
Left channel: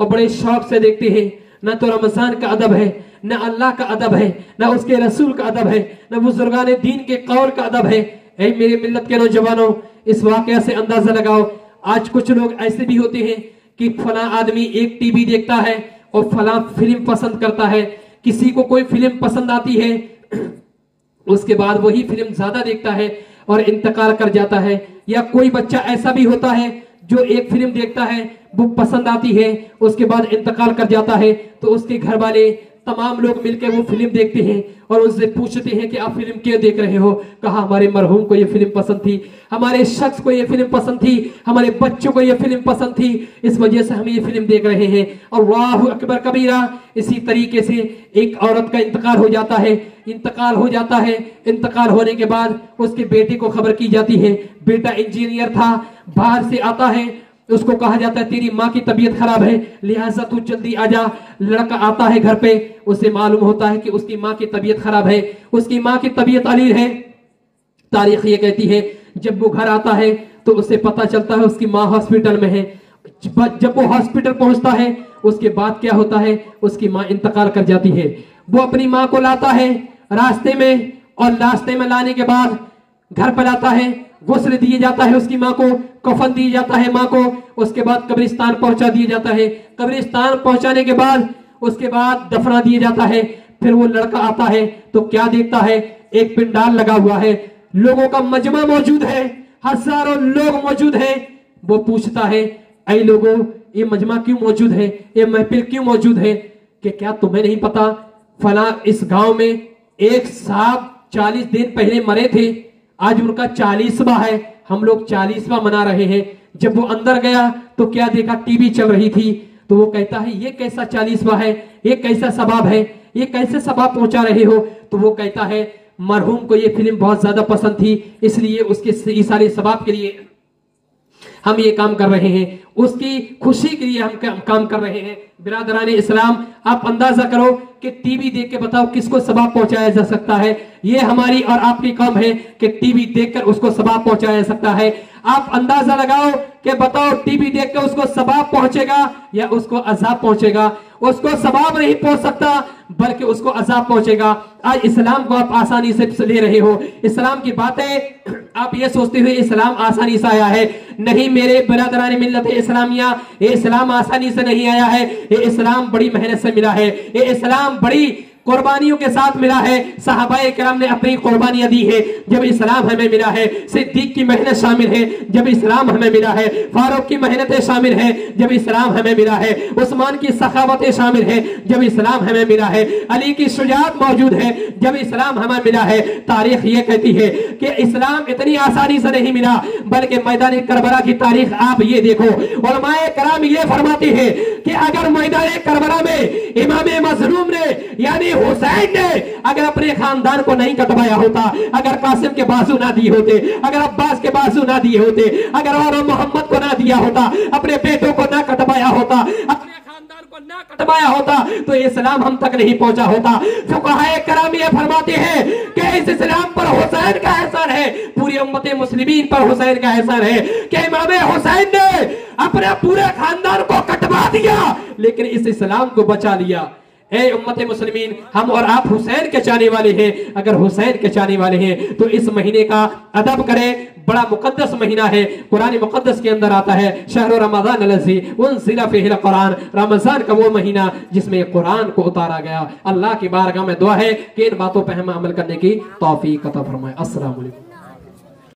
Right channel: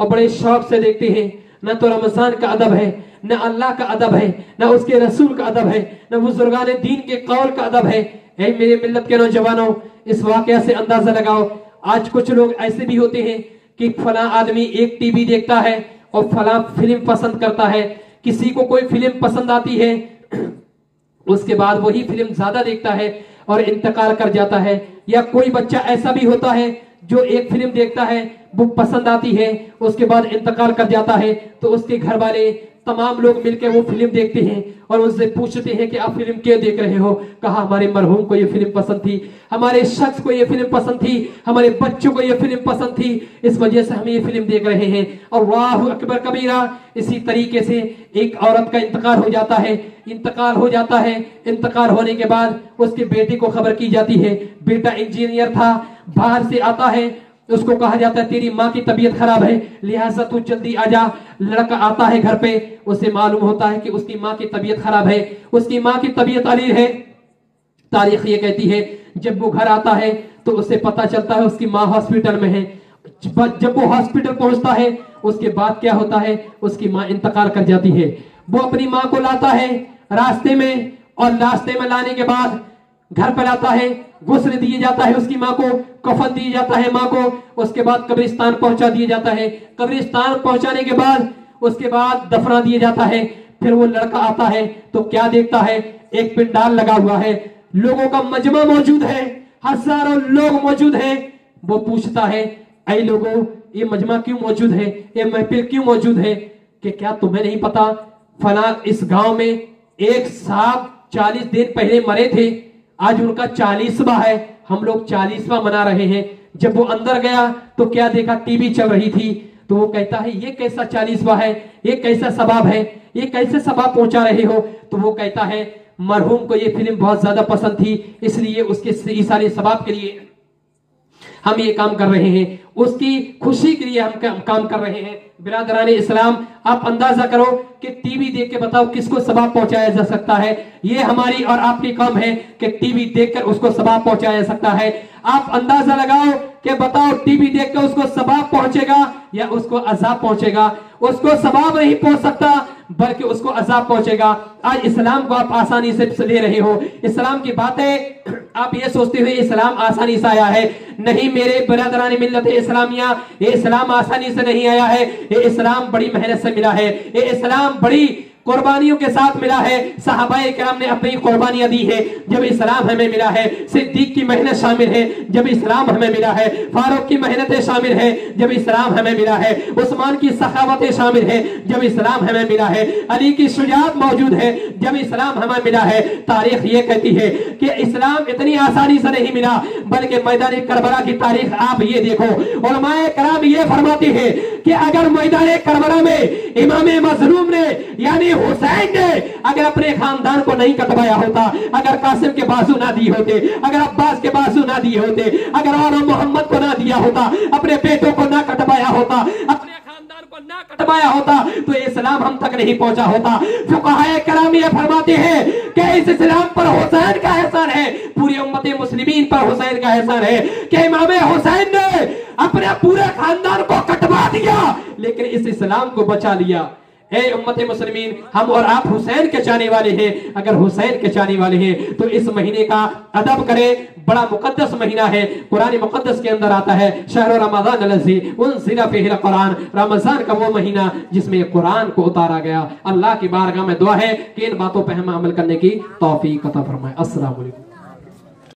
और बड़े शौक से देखते हैं। न तो रमजान का अदब है, न अल्लाह का अदब है, न उसके रसूल का अदब है, न बुजुर्गान दीन के कौल का अदब है। ऐ मेरे मिल्लत के नौजवानों, इस वाकया से अंदाजा लगाओ। आज कुछ लोग ऐसे भी होते हैं कि फला आदमी एक टीवी देखता है और फला फिल्म पसंद करता है। किसी को कोई फिल्म पसंद आती है, उसके बाद वही फिल्म ज्यादा देखता है और इंतकाल कर जाता है। या कोई बच्चा ऐसा भी होता है जो एक फिल्म देखता है, वो पसंद आती है, उसके बाद इंतकाल कर जाता है, तो उसके घर वाले तमाम लोग मिलकर वो फिल्म देखते हैं और उससे पूछते हैं कि आप फिल्म क्यों देख रहे हो? कहा हमारे मरहूम को ये फिल्म पसंद थी, हमारे शख्स को ये फिल्म पसंद थी, हमारे बच्चों को ये फिल्म पसंद थी, इस वजह से हम ये फिल्म देख रहे हैं। अल्लाहु अकबर कबीरा। इसी तरीके से एक औरत का इंतकाल हो जाता है, इंतकाल हो जाता है, इंतकाल होने के बाद उसके बेटे को खबर की जाती है। बेटा इंजीनियर था, बाहर से आता है, उसको कहा जाता है तेरी माँ की तबीयत खराब है, लिहाजा तू जल्दी आ जा। लड़का आता है घर पे, उसे मालूम होता है कि उसकी माँ की तबीयत खराब है, उसकी माँ की तबीयत अलील है। तारीख ये कहती है जब वो घर आता है तो उसे पता चलता है उसकी माँ हॉस्पिटल में है। जब वो हॉस्पिटल पहुंचता है उसके बाद क्या होता है, उसकी माँ इंतकाल कर जाती है। वो अपनी माँ को लाता है रास्ते में, और रास्ते में लाने के बाद घर पर आता है, गुस्ल दिए जाता है उसकी माँ को, कफन दिया जाता है माँ को, उसके बाद कब्रिस्तान पहुंचा दिया जाता है। कब्रिस्तान पहुंचाने के बाद उसके बाद दफना दिया जाता है। फिर वो लड़का आता है तो क्या देखता है, एक पिंडाल लगा हुआ है, लोगों का मजमा मौजूद है, हजारों लोग मौजूद है। वो पूछता है ऐ लोगों, ये मजमा क्यों मौजूद है, ये महफिल क्यों मौजूद है? कि क्या तुम्हें नहीं पता फला इस गांव में एक साहब 40 दिन पहले मरे थे, आज उनका 40वां है, हम लोग 40वां मना रहे हैं। जब वो अंदर गया तो क्या देखा, टीवी चल रही थी। तो वो कहता है ये कैसा 40वां है, ये कैसा सबाब है, ये कैसे सबाब पहुंचा रहे हो। तो वो कहता है मरहूम को ये फिल्म बहुत ज्यादा पसंद थी, इसलिए उसके इसारे सबाब के लिए हम ये काम कर रहे हैं, उसकी खुशी के लिए हम काम कर रहे हैं। बिरादराने इस्लाम, आप अंदाजा करो कि टीवी देख के बताओ किसको सवाब पहुंचाया जा सकता है। ये हमारी और आपकी काम है कि टीवी देखकर उसको सवाब पहुंचाया जा सकता है। आप अंदाजा लगाओ कि बताओ टीवी देखकर उसको सवाब पहुंचेगा या उसको अजाब पहुंचेगा। उसको सवाब नहीं पहुंच सकता बल्कि उसको अजाब पहुंचेगा। आज इस्लाम को आप आसानी से ले रहे हो, इस्लाम की बातें आप ये सोचते हुए इस्लाम आसानी से आया है। नहीं मेरे बिरादरान मिल्लत इस्लामिया, ये इस्लाम आसानी से नहीं आया है, ये इस्लाम बड़ी मेहनत से मिला है, ये इस्लाम बड़ी कुर्बानियों के साथ मिला है। सहाबाए किराम ने अपनी कुर्बानियां दी है जब इस्लाम हमें मिला है। सिद्दीक की मेहनत शामिल है जब इस्लाम हमें मिला है। फारूक की मेहनतें शामिल है जब इस्लाम हमें मिला है। उस्मान की सखावतें शामिल है जब इस्लाम हमें मिला है। अली की शुजाअत मौजूद है जब इस्लाम हमें मिला है। तारीख ये कहती है कि इस्लाम इतनी आसानी से नहीं मिला, बल्कि मैदान करबला की तारीख आप ये देखो। उलमाए किराम ये फरमाते हैं कि अगर मैदान करबला में इमाम मज़लूम ने यानी हुसैन ने अगर अपने खानदान को नहीं कटवाया होता, अगर कासिम के बाजू ना दिए होते, अगर अब्बास के बाजू ना दिए होते, अगर और मोहम्मद को ना दिया होता, अपने बेटों को ना कटवाया होता, अपने खानदान को ना कटवाया होता, तो इस्लाम हम तक नहीं पहुंचा होता। फुक़हाए किराम ये फरमाते हैं कि इस इस्लाम पर हुसैन का एहसान है, पूरी उम्मत मुस्लिमीन पर हुसैन का एहसान है कि इमाम हुसैन ने अपने पूरे खानदान को कटवा दिया लेकिन इस इस्लाम को बचा लिया। है उम्मत मुस्लिमीन, हम और आप हुसैन के चाहने वाले हैं। अगर हुसैन के चाहने वाले हैं तो इस महीने का अदब करें। बड़ा मुकद्दस महीना है, कुरान मुकद्दस के अंदर आता है शहर रमजान लज़ी उनज़िला फ़ीहिल कुरान, रमजान का वो महीना जिसमें कुरान को उतारा गया। अल्लाह की बारगाह में दुआ है कि इन बातों पर हम अमल करने की तौफीक अता फरमाए। अस्सलाम वालेकुम।